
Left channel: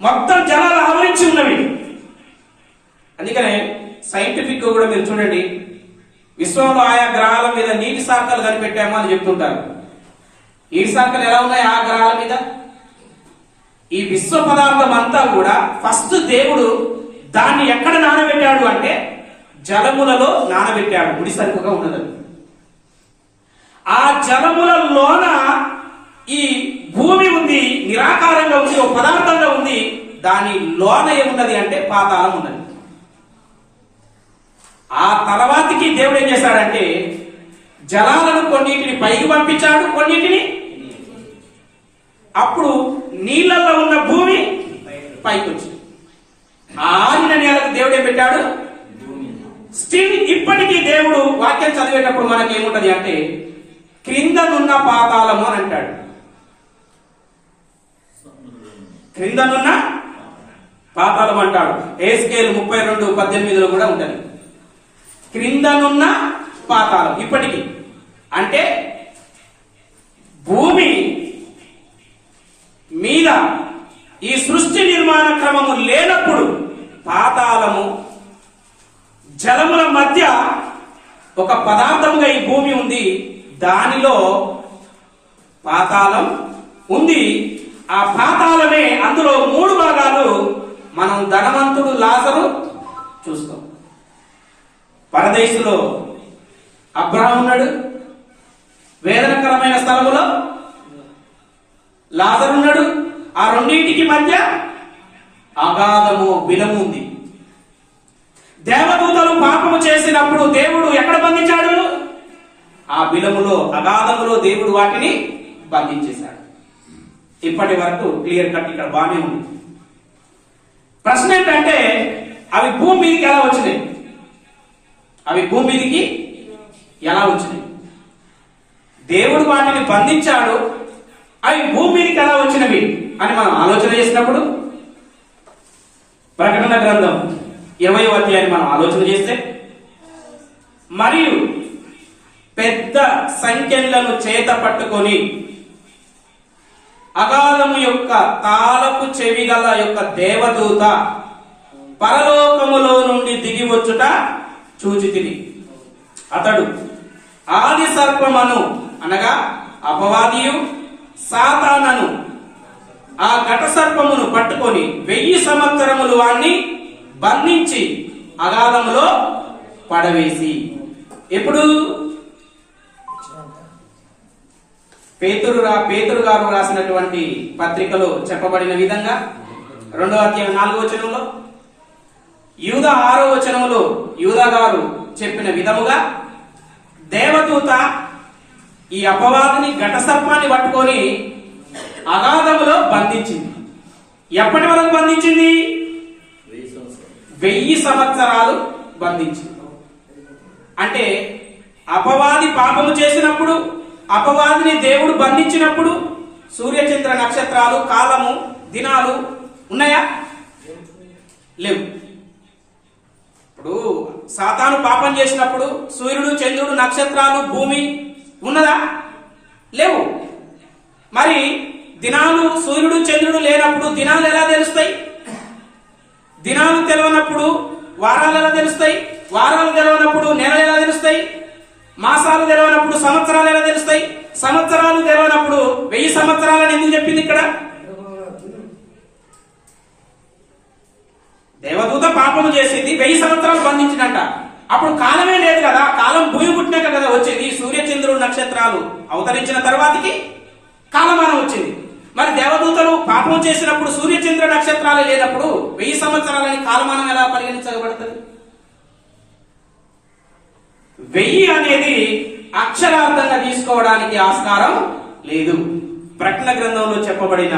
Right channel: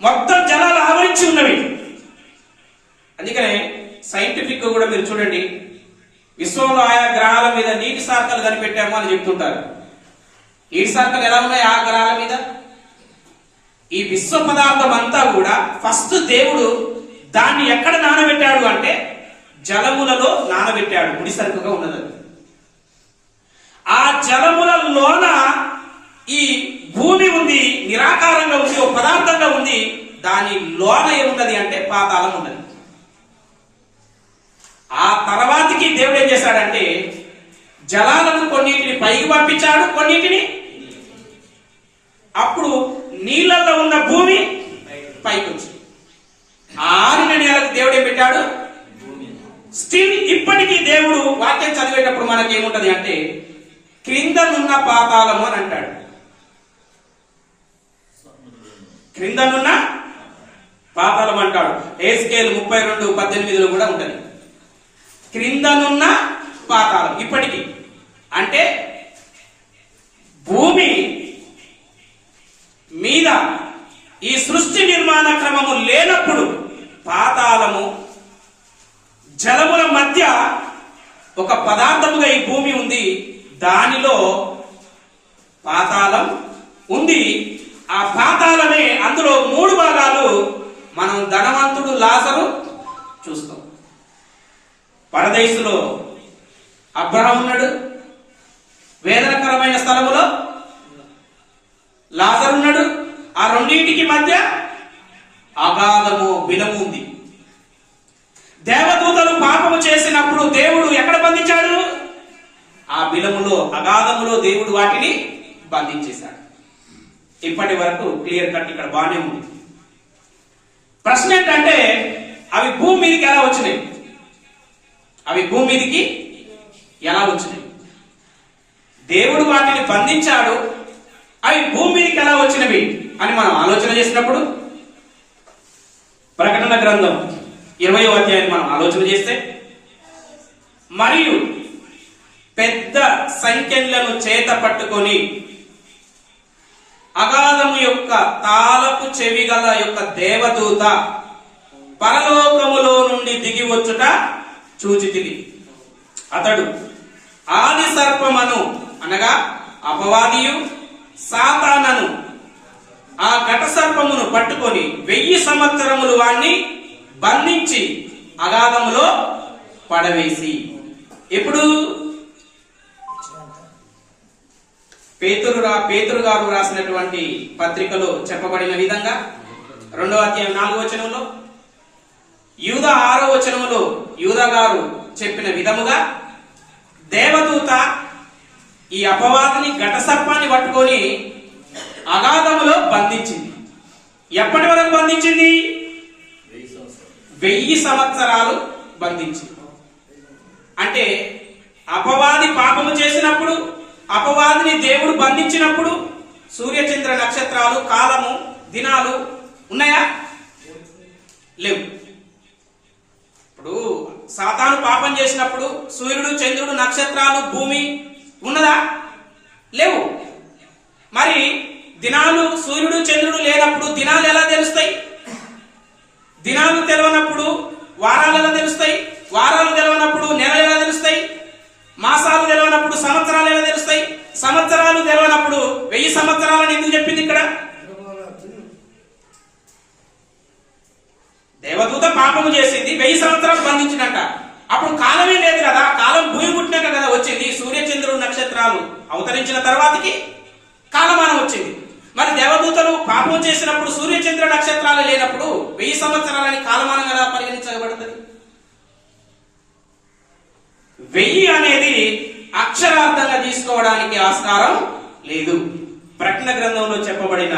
మొత్తం జలాలు ఆవరించి ఉన్నవి. అందుకనే సైంటిఫిక్ కూడా మీరు చూడండి, విశ్వంలో ఆయా గ్రహాల మీద నీటి శాఖలు కనిపెట్టాము అని చెప్తుంటారు. నీటి శాఖలు ఎలా ఉన్నాయి ఆ గ్రహాల మీద? ఈ విశ్వ పదార్థం అంతా కూడా ఫస్ట్ దేవుడు దాన్ని ఎక్కడ నానబెట్టాడు అంటే జలములలో నానబెట్టాడు. ముడి సరుకుగా ఉన్నది. ఆ జలములలోన ఈ భూమి ఉంది, నిరాకారంగా ఉంది, ఒక పదార్థంగా ఉంది. దాని లోన ఏమున్నది అంటే పాతాళం ఉన్నది. ఆ తర్వాతకి దేవుడు ఏం చేశాడంటే జలాలను కొన్నిటిని పైకి పంపించాడు, కొన్నిటిని. అప్పుడు నీళ్ళల్లో ఉన్న భూమి పైకి వచ్చింది. ఆరిన నేలకు దేవుడు ఏం పెట్టాడు? స్టిల్ ఇప్పటికీ దేవుడు వాక్యం చదివేటప్పుడు మనకేముంటది అంటే క్రిందనున్న పాతాళము అని అంటాడు. క్రిందనున్న పాతాళం అంటాడు. ఎహెజ్కేలు 32:18 కూడా ఉంటది. క్రిందనున్న పాతాళం ఇప్పటికీ. అంటే భూమి మీద ఈ సృష్టి నిర్మాణ క్రమము లేనప్పుడు పాతాళము, జలముల మధ్య ఒక పదార్థముగా ఈ భూమి ఉంది. దానిలో పాతాళం ఉంది. ఆ పాతాళమే, అందులో 3 భాగాలు. మనం ధనవంతుడు లాజరు చూస్తాం. పరదేశులో అబ్రహాము ఉన్నాడు. వేదనకరమైన స్థలములో లాజరు ఉన్నాడు. ఆ రెండింటికి మధ్య అగాధము బిలము ఉంది. దేవదూతలు పాపము చేసినప్పుడు దేవుడు ఎక్కడ బంధించాడు? ఆ బిలములో, అగాధములో దేవుడు వాటిని బంధించేశాడు. ఇప్పటి వరకు క్లియర్ కట్ ఇక్కడ బాగానే ఉంది. ప్రశ్న ఏంటంటే, అవి భూమి మీదకి ఎలా వచ్చినాయి? అవి భూమి మీదకి ఎలా వచ్చినాయి? దేవుడు వాటిని బంధించాడు, అవి భూమి మీదకి ఎలా వచ్చినవి అని మనం ఆలోచన చేసినప్పుడు, ప్రకటన గ్రంథం 20వ అధ్యాయం మనం ఆలోచన చేస్తే, మరియు పెద్ద సంఖ్యలను చేత పట్టుకొని అగాధము యొక్క తాళపు చెవిగల యొక్క దేవదూత పరలోకములో నుండి దిగి వచ్చుట చూచితిని. అతడు ఆది సర్పమను అనగా అపవాదియు సాతానను ఆ ఘట సర్పమును పట్టుకొని 1000 సంవత్సరములు వాణ్ణి బంధించి అగాధములో పడవేసి. ఇప్పుడు పేతురు గారు రాసినటువంటి పత్రికలో చెప్పబడిన విధంగా 2వ అధ్యాయం 4వ వచనంలో, యూదా 6వ వచనంలో యూదా గారు చెప్పిన విధముగా దేవదూత ఈ అపవాదిని ఘట సర్పాన్ని పట్టుకొని అగాధములో బంధించింది. ఎప్పటి వరకు బంధించింది? 1000 సంవత్సరాలు బంధించింది. అంటే అపవాది పాపము చేసినప్పుడు, అపవాదిని దేవుడు బంధించినప్పుడు సూర్యచంద్ర నక్షత్రాలు, కాలము, దినాలు ఉన్నాయా? లేవు. ఇప్పుడు సాతాను పాపం చేసినప్పుడు సూర్యుడు, చంద్రుడు, నక్షత్రాలు, భూమి ఉన్నదా? లేవు. మరి దినాలు, సూర్యుడు చంద్రుడు లేనప్పుడు దినాలు ఎలా తెలుస్తాయి? దినాలు తెలియనప్పుడు వారాలు ఎలా తెలుస్తాయి? వారాలు తెలియనప్పుడు నెలలు ఎలా తెలుస్తాయి? మాసాలు తెలియనప్పుడు సంవత్సరాలు ఎలా తెలుస్తాయి? సంవత్సరాలు తెలియనప్పుడు 1000 సంవత్సరాలని ఎందుకు చెప్పింది ఇక్కడ? దేవదూత పాపము చేసింది, 1000 సంవత్సరాలు బంధించినట్ట. అప్పుడు కాలమే లేదు కదా, కాలం భూమి పుట్టినాక కదా వచ్చింది. సూర్యచంద్రుడు నక్షత్రాలు అవతరించిన తర్వాతకి కాలమానం వచ్చింది. మరి దేవదూతలు పాపం చేసినప్పుడు సూర్యచంద్ర నక్షత్రాలు లేనప్పుడు 1000 సంవత్సరాలని కాలమానం ఎలా పరిగణించబడుతుంది? 1000 అనేది అక్షరార్థంగా తీసుకోవడానికి ఆస్కారం లేదు. ప్రకటన గ్రంథంలో చెప్పబడిన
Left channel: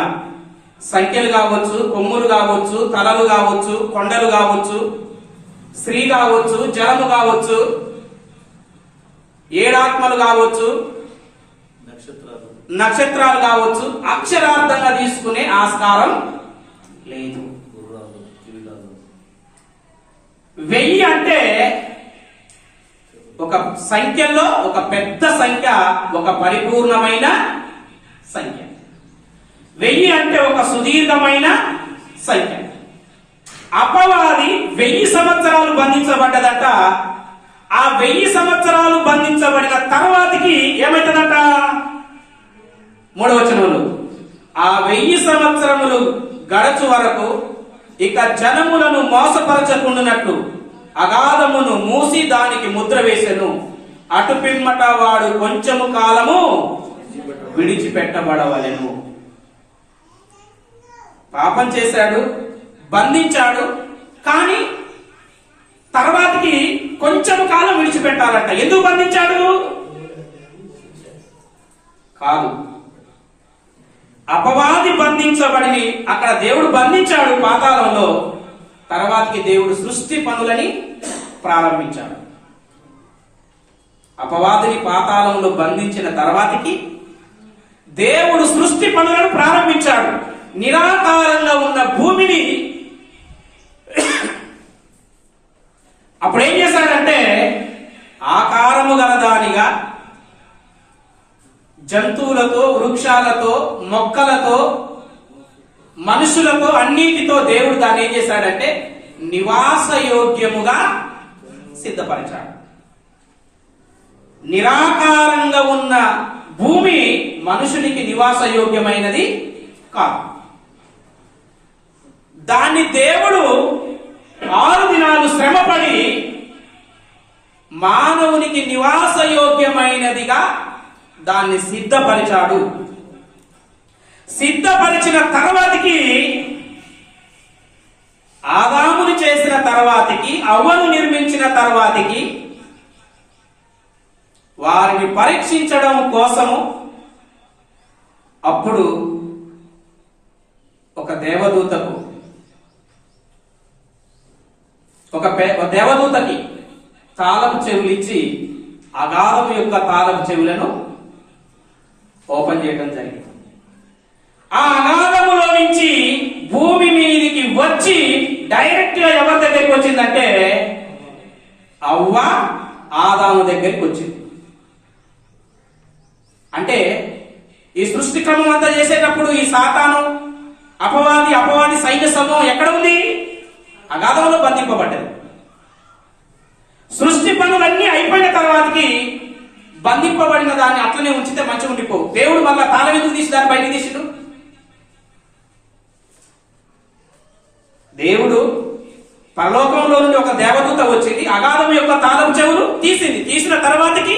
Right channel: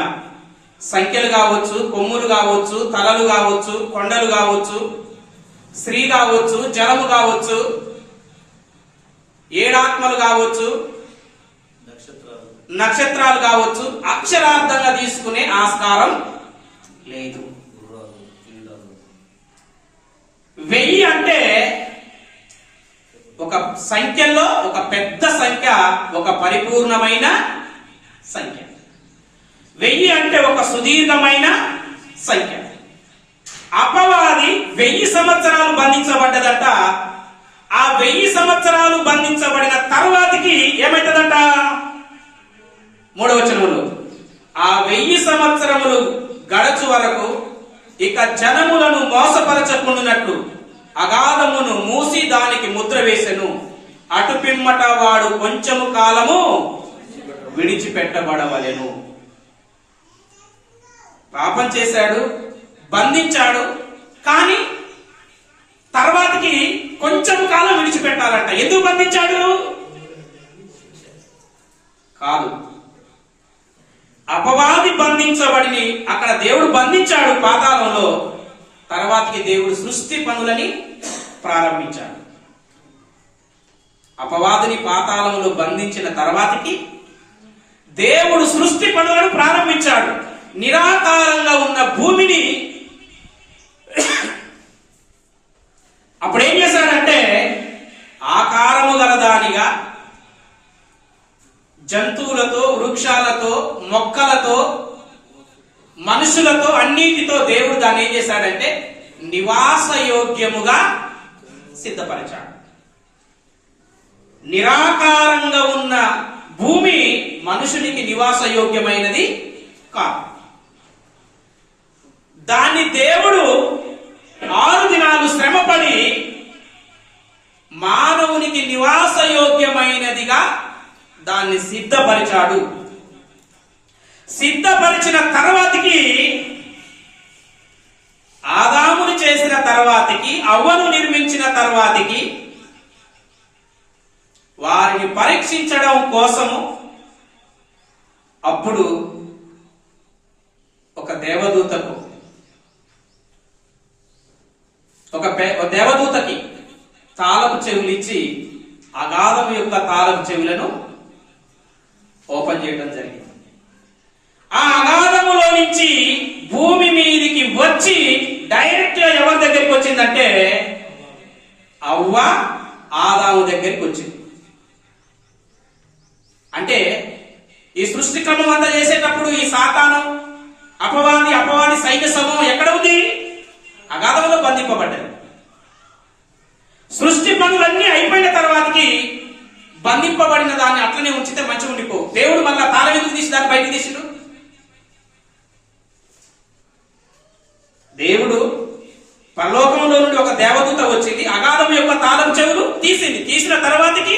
సంఖ్యలు కావచ్చు, కొమ్ములు కావచ్చు, తలలు కావచ్చు, కొండలు కావచ్చు, స్త్రీ కావచ్చు, జలము కావచ్చు, 7 ఆత్మలు కావచ్చు, నక్షత్రాలు కావచ్చు, అక్షరార్థంగా తీసుకునే ఆస్కారం లేదు. 1000 అంటే ఒక సంఖ్యలో ఒక పెద్ద సంఖ్య, ఒక పరిపూర్ణమైన సంఖ్య. 1000 అంటే ఒక సుదీర్ఘమైన సంఖ్య. అపవాది 1000 సంవత్సరాలు బంధించబడ్డదట. ఆ 1000 సంవత్సరాలు బంధించబడిన తర్వాతకి ఏమైతుందట? 3వ వచనంలో, ఆ 1000 సంవత్సరములు గడచు వరకు ఇక జనములను మోసపరచకుండునట్లు అగాధమును మూసి దానికి ముద్ర వేసెను. అటు పిమ్మట వాడు కొంచెము కాలము విడిచిపెట్టబడవలెను. పాపం చేశాడు, బంధించాడు, కానీ తర్వాతకి కొంచెం కాలం విడిచిపెట్టాలంట. ఎందుకు బంధించాడు? కాదు, అపవాది బంధించబడిని అక్కడ దేవుడు బంధించాడు పాతాళంలో. తర్వాతకి దేవుడు సృష్టి పనులని ప్రారంభించాడు. అపవాదిని పాతాళంలో బంధించిన తర్వాతకి దేవుడు సృష్టి పనులను ప్రారంభించాడు. నిరాకారంగా ఉన్న భూమిని అప్పుడేం చేశాడంటే ఆకారము గలదానిగా జంతువులతో, వృక్షాలతో, మొక్కలతో, మనుషులతో, అన్నిటితో దేవుడు దాన్ని ఏం చేశాడంటే నివాసయోగ్యముగా సిద్ధపరిచాడు. నిరాకారంగా ఉన్న భూమి మనుషునికి నివాసయోగ్యమైనది కాదు. దాన్ని దేవుడు 6 దినాలు శ్రమపడి మానవునికి నివాసయోగ్యమైనదిగా దాన్ని సిద్ధపరిచాడు. సిద్ధపరిచిన తర్వాతకి ఆదామును చేసిన తర్వాతికి, అవ్వను నిర్మించిన తర్వాతికి వారిని పరీక్షించడం కోసము అప్పుడు ఒక దేవదూతకి తాళపు చెవులు ఇచ్చి అగాధము యొక్క తాళపు చెవులను ఓపెన్ చేయడం జరిగింది. ఆ అగాధములో నుంచి భూమి మీదికి వచ్చి డైరెక్ట్ గా ఎవరి దగ్గరికి వచ్చిందంటే అవ్వ ఆదాము దగ్గరికి వచ్చింది. అంటే ఈ సృష్టి క్రమం అంతా చేసేటప్పుడు ఈ సాతాను అపవాది సైన్య సమూహం ఎక్కడ ఉంది? అగాధంలో బంధింపబడ్డది. సృష్టి పనులన్నీ అయిపోయిన తర్వాతకి బంధింపబడిన దాన్ని అట్లనే ఉంచితే మంచిగా ఉండిపోవు. దేవుడు మళ్ళా తాళం ఎందుకు తీసి దాన్ని బయటికి తీసిండు? దేవుడు పరలోకంలో నుండి ఒక దేవదూత వచ్చింది, అగాధం యొక్క తాళం చెవులు తీసింది. తీసిన తర్వాతకి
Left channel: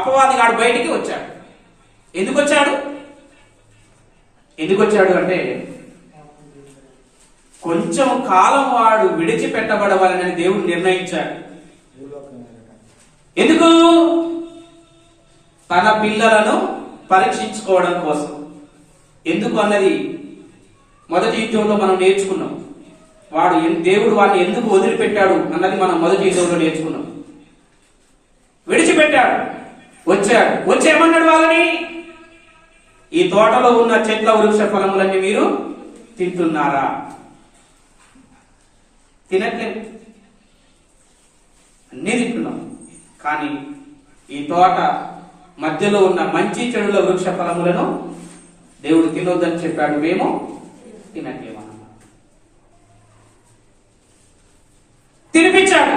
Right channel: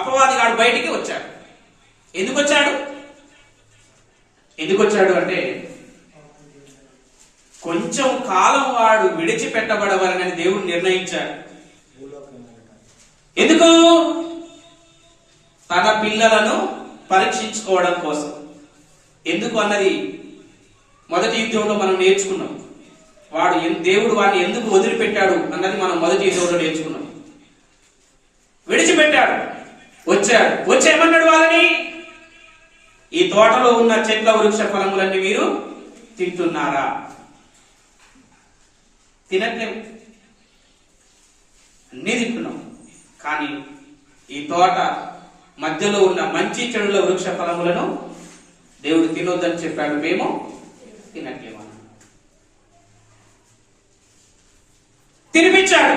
అపవాదిగాడు బయటికి వచ్చాడు. ఎందుకు వచ్చాడు అంటే కొంచెం కాలం వాడు విడిచిపెట్టబడవాలని దేవుడు నిర్ణయించాడు. ఎందుకు? తన పిల్లలను పరీక్షించుకోవడం కోసం. ఎందుకు అన్నది మొదటి యుద్ధంలో మనం నేర్చుకున్నాం. దేవుడు వాడిని ఎందుకు వదిలిపెట్టాడు అన్నది మనం మొదటి యుద్ధంలో నేర్చుకున్నాం. విడిచిపెట్టాడు, వచ్చేమన్నాడు వాళ్ళని? ఈ తోటలో ఉన్న చెట్ల వృక్ష ఫలములన్నీ మీరు తింటున్నారా? తినట్లేదు, అన్నీ తింటున్నాం. కానీ ఈ తోట మధ్యలో ఉన్న మంచి చెడుల వృక్ష ఫలములను దేవుడు తినొద్దని చెప్పాడు, మేము తినట్లేమన్నా. తినిపించాడు.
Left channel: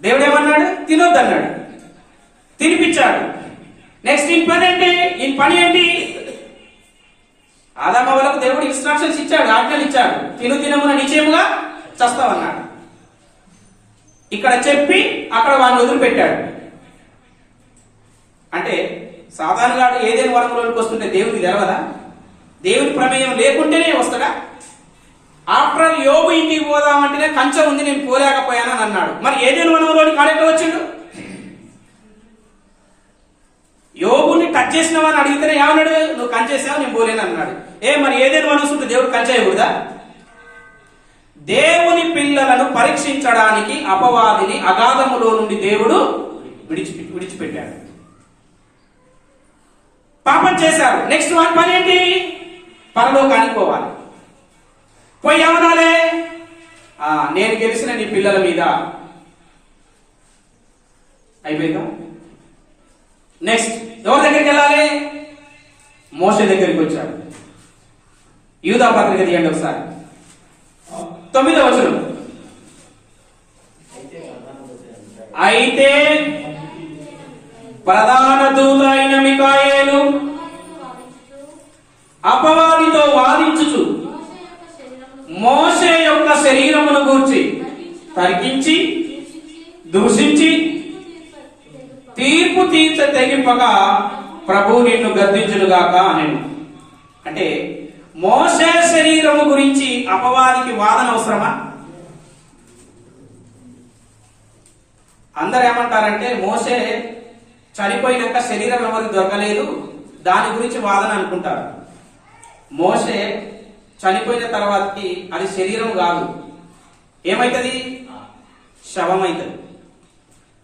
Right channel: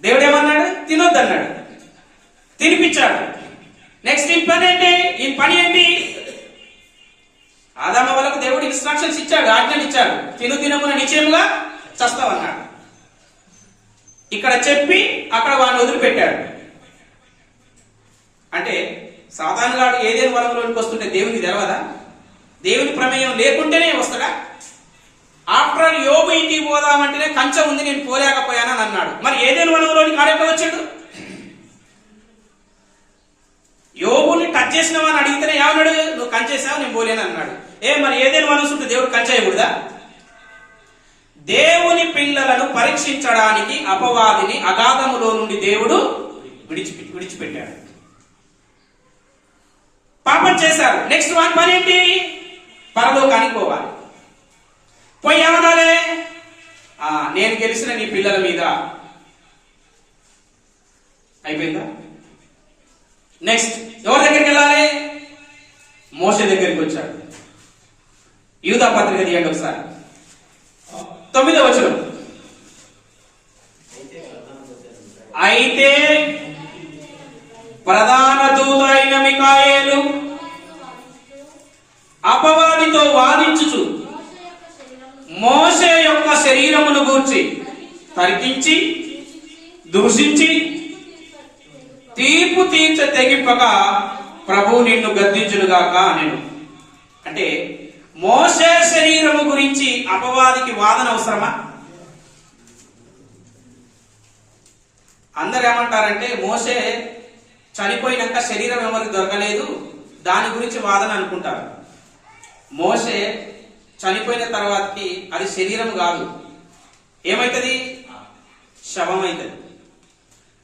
దేవుడు ఏమన్నాడు? తినొద్దన్నాడు, తినిపించాడు. నెక్స్ట్ ఈ పని ఏంటి? ఆదాము వాళ్ళకు దేవుడు ఇన్స్ట్రక్షన్స్ ఇచ్చాడు, ఆజ్ఞలు ఇచ్చాడు. తినమున నిశ్చయముగా చస్తావన్నాడు. ఇక్కడ చెప్పి అక్కడ వాడిని వదిలిపెట్టాడు. అంటే సాధారణంగా ఏదైనా వరంలోనికి వస్తుంటే దేవునికి తెలవదా? దేవుని ప్రమేయం లేకుంటేనే వస్తాడా? ఆఫ్టర్ ఆల్ యోబు ఇంటికి పోదామంటేనే కంచె ఉంది, నేను పోలేకపోయానని అన్నాడు. మరి ఏదైనా వనంలోనికి ఆడెట్లా వచ్చిండు? యోబుని టచ్ చేసినావని అడిగితేనే ఏమన్నాడు? నువ్వు కంచేసావు, నేను పోలేను అన్నాడు. మరి ఏదైనా మనసుంటే దేవుడు కంచేయకూడదా? దేవుని పిల్లలను పరీక్షించడానికి అపవాదిని అగాధములో నుండి దేవుడు విడిచిపెట్టాడు. పాపం చేశారు. నెక్స్ట్ వాని పని ఏంటి? పరలోకానికి పోవాలి. పోయి ఏమనాలే? నేను గెలిచిన నీ పిల్లల మీద. అయిపోయిందా? నెక్స్ట్ ఎవరి దగ్గరికి వెళ్ళాలి? మోషే దగ్గరికి వచ్చాడు. యూదా పత్రిక తీయండి ఒకసారి, 9వ వచనం. అయితే ప్రధాన దూత అయిన మికాయేలు అపవాదితో వాదించుచు మోషే యొక్క శరీరమును గూర్చి తర్కించి దూషించి తీర్పు తెగింపగా ప్రభు నిన్ను గద్దించునుగాక నేను. అంటే మోషే శరీరము గురించి అపవాదికి వాదన అవసరమా? అందరు ఏమంటారంటే మోషే చనిపోయినాక శరీరం ఎవరికి దొరకలేదు, దాని గురించి వాదన అనుకుంటారు. మోషే చనిపోయిన తర్వాతకి అది శరీరం కాదు, ఏమైతుంది? శవం అవుతుంది.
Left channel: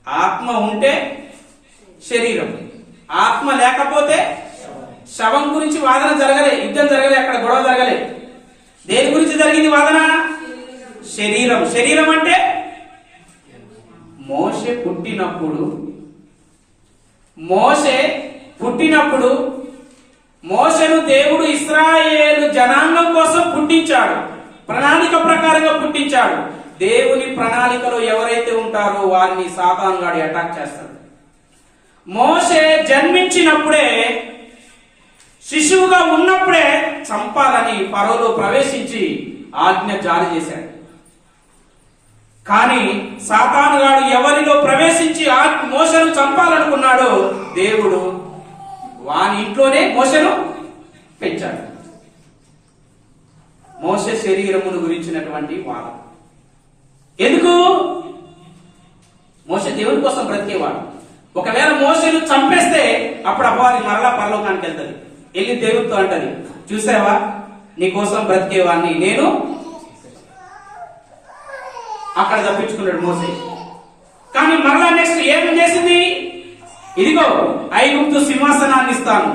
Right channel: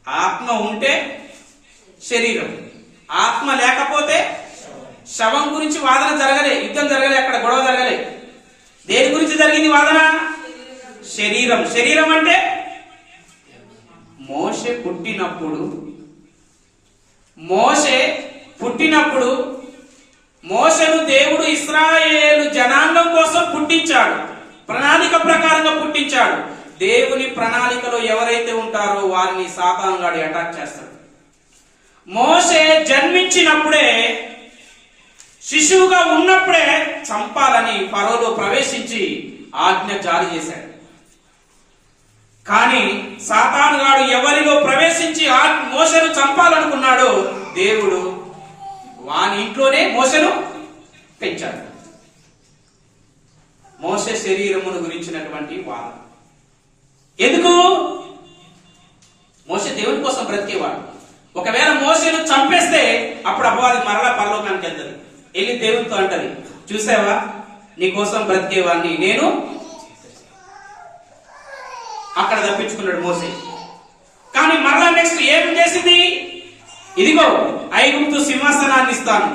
ఆత్మ ఉంటే శరీరం, ఆత్మ లేకపోతే శవం గురించి వాదన జరగలే, యుద్ధం జరగలే, అక్కడ గొడవ జరగలే. దేని గురించి జరిగింది వాదన? శరీరం. శరీరం అంటే మోషే పుట్టినప్పుడు మోషేను దేవుడు ఇశ్రాయేలు జనాంగం కోసం పుట్టించాడు, ప్రణాళిక ప్రకారంగా పుట్టించాడు. దేవుని ప్రణాళికలో ఎవరైతే ఉంటారో వారిని సాతానుగాడు అటాక్ చేస్తాడు. మోషే జన్మించినప్పుడే, శిశువుగా ఉన్నప్పుడే చంపాలని ఫరోలో ప్రవేశించి ఆజ్ఞ జారీ చేశాడు. కానీ సాతానుగాడు ఎవరిలో ప్రవేశించి మోషేను చంపాలనుకున్నాడో దేవుడు వాని ఇంట్లోనే మోషేను పెంచాడు. మోషే శరీరమును గురించినటువంటి వాదం. ఎందుకు? మోషే దేవుని కోసం బ్రతికేవాడు. ఒకవేళ మోషేను చంపేస్తే అప్పుడు అపవాది మరలా పరలోకానికి వెళ్తుంది. వెళ్ళి దేవునితో అంటది, చూసావా నీకోసం బ్రతికేవాడిని నేను. అక్కడ తప్పించుకున్నాడు మోషే. కానీ మరలా నెక్స్ట్ ఏం చేసింది? ఇదిగో ఐగుప్తు సింహాసనాన్ని ఇస్తాను,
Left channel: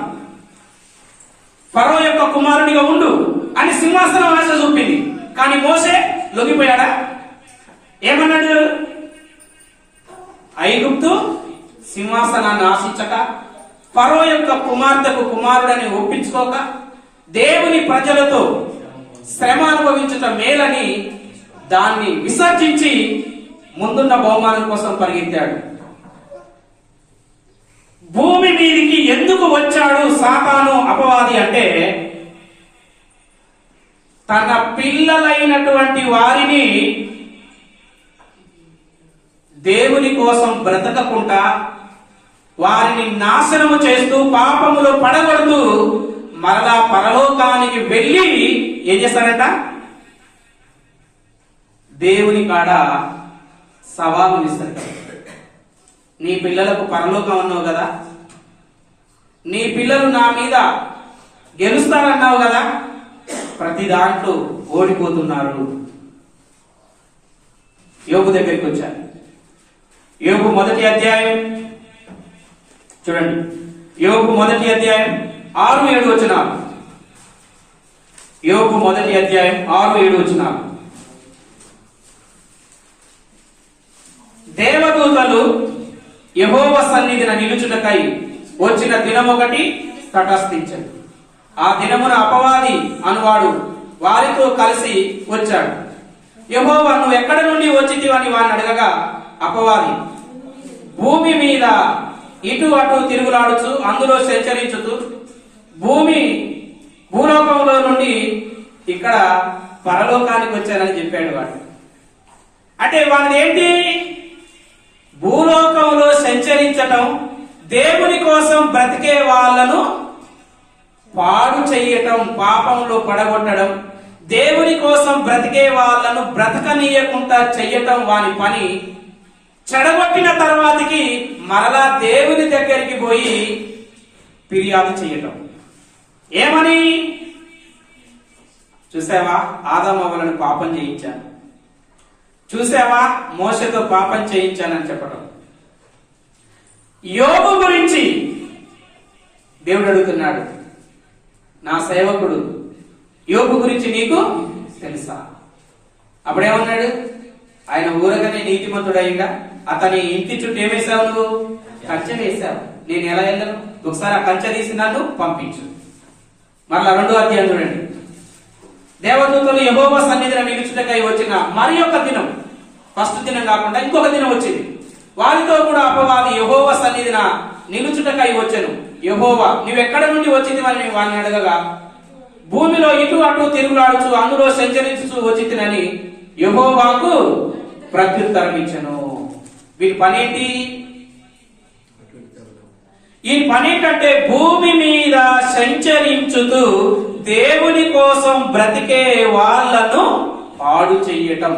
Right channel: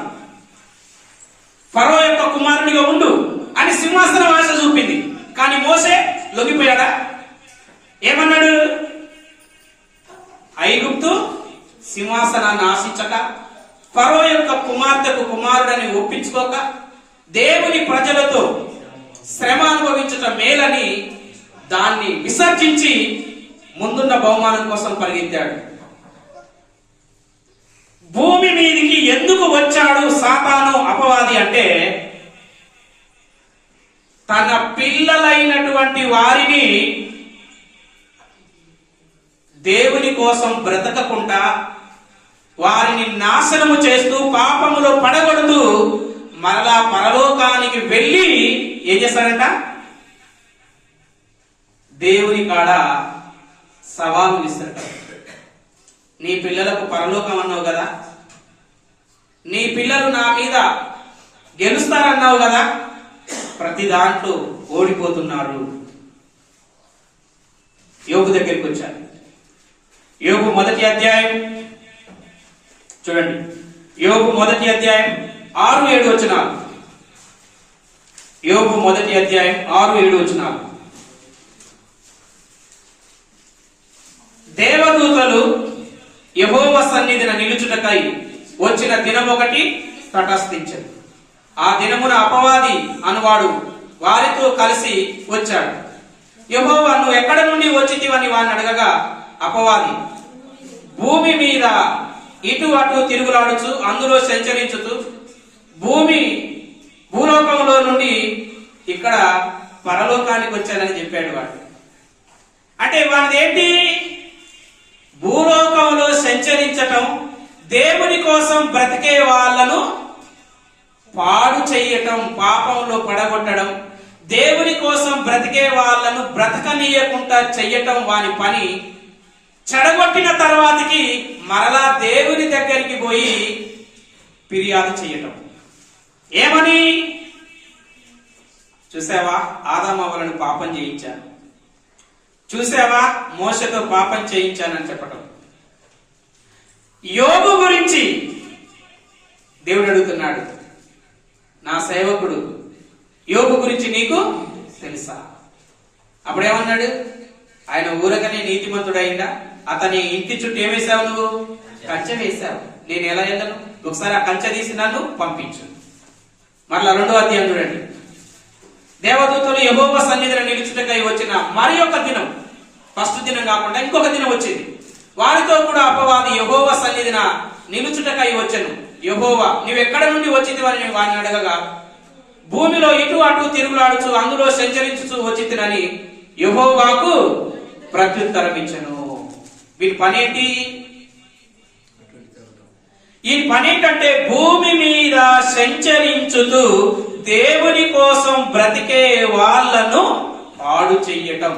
ఫరో యొక్క కుమారునిగా ఉండు అని సింహాసనం ఆశ చూపింది. కానీ మోషే లొంగిపోయాడా? ఏమన్నాడు? ఐగుప్తు సింహాసనాన్ని ఆశించక, ఫరో యొక్క కుమార్తెకు కుమారుడని ఒప్పించుకోక, దేవుని ప్రజలతో శ్రమ అనుభవించటం మేలని దాన్ని విసర్జించి ముందున్న బహుమానం కోసం పరిగెత్తాడు. భూమి మీదికి ఎందుకు వచ్చాడు సాతాను అపవాది అంటే, తన పిల్లలైనటువంటి వారిని దేవుని కోసం బ్రతకకుండా వారిని నాశనము చేస్తూ పాపములో పడగొడుతూ మరలా పరలోకానికి వెళ్ళి ఏం చేస్తారంట? దేవుని కాడ సవాలు ఇస్తారట. నీ పిల్లలకు పరలోకం అన్నావు కదా, నీ పిల్లలు నా మీద గెలుస్తారన్నావు కదా, ప్రతి దాంట్లో ఓడిపోతున్నారు. యోబు దగ్గరికి వచ్చారు. యోబు 1వ అధ్యాయం చూడండి. యోబు 1వ అధ్యాయం 6-7 వచనాలు. యోబు 1వ అధ్యాయం 6-7 వచనాలు. దేవదూతలు యెహోవా సన్నిధిన నిలుచుటకై వచ్చిన దినం ఒకటి తటస్థించదు. ఆ దినమున అపవాది అనువాడు వారితో కలిసి వచ్చాడు. యెహోవా నువ్వు ఎక్కడ నుండి వచ్చితివని వారిని అడగగా, అపవాది భూమి మీద ఇటు అటు తిరుగులాడుచు అందులో సంచరించుతూ భూలోకంలో నుండి ఇక్కడ పరలోకానికి వచ్చానని చెప్పాడు వాడు. అంటే వాడిది ఏంటి? భూలోకంలో సంచరించటం, దేవుని కోసం బ్రతికే వాళ్ళను పాడు చెయ్యటం, పాపంలో పడగొట్టడం, దేవుని కోసం బ్రతికే వాళ్ళను బ్రతకనీయకుండా చెయ్యటం వాని పని. చెడగొట్టిన తర్వాతకి మరలా దేవుని దగ్గరికి పోయి ఫిర్యాదు చెయ్యటం. ఏమని? చూసావా ఆదామవ్వలను పాపం చేయించాను, చూసావా మోషతో పాపం చేయించానని చెప్పటం. యోబు గురించి దేవుడు అడుగుతున్నాడు, నా సేవకుడు యోబు గురించి నీకు తెలుసా? అప్పుడేమన్నాడు? ఆయన ఊరకనే నీతిమంతుడైందా? అతని ఇంటి చుట్టూ ఏమేశావు? నువ్వు కంచె వేశావు. నేను ఎలా వెళ్ళను? ఒకసారి ఆ కంచె తీసి నన్ను పంపించు. మరలా 2వ అధ్యాయం చూడండి. దేవదూతలు యెహోవా సన్నిధిన నిలుచుటకై వచ్చిన మరి ఒక దినం, ఫస్ట్ దినం కాకుండా ఇంకొక దినం వచ్చింది. వారితో కూడా అపవాది యెహోవా సన్నిధిన నిలుచుటకై వచ్చెను. యెహోవా నువ్వెక్కడ నుండి వచ్చిందని వారిని అడగగా, భూమిలో ఇటు అటు తిరుగులాడుచు అందులో సంచరించుచు వచ్చితినని యెహోవాకు ప్రత్యుత్తరం ఇచ్చెను. వీరి పనేంటి? ఈ పనేంటంటే భూమి మీద సంచరించుతూ దేవుని కోసం బ్రతికే వాళ్ళను పాడు చెయ్యటం.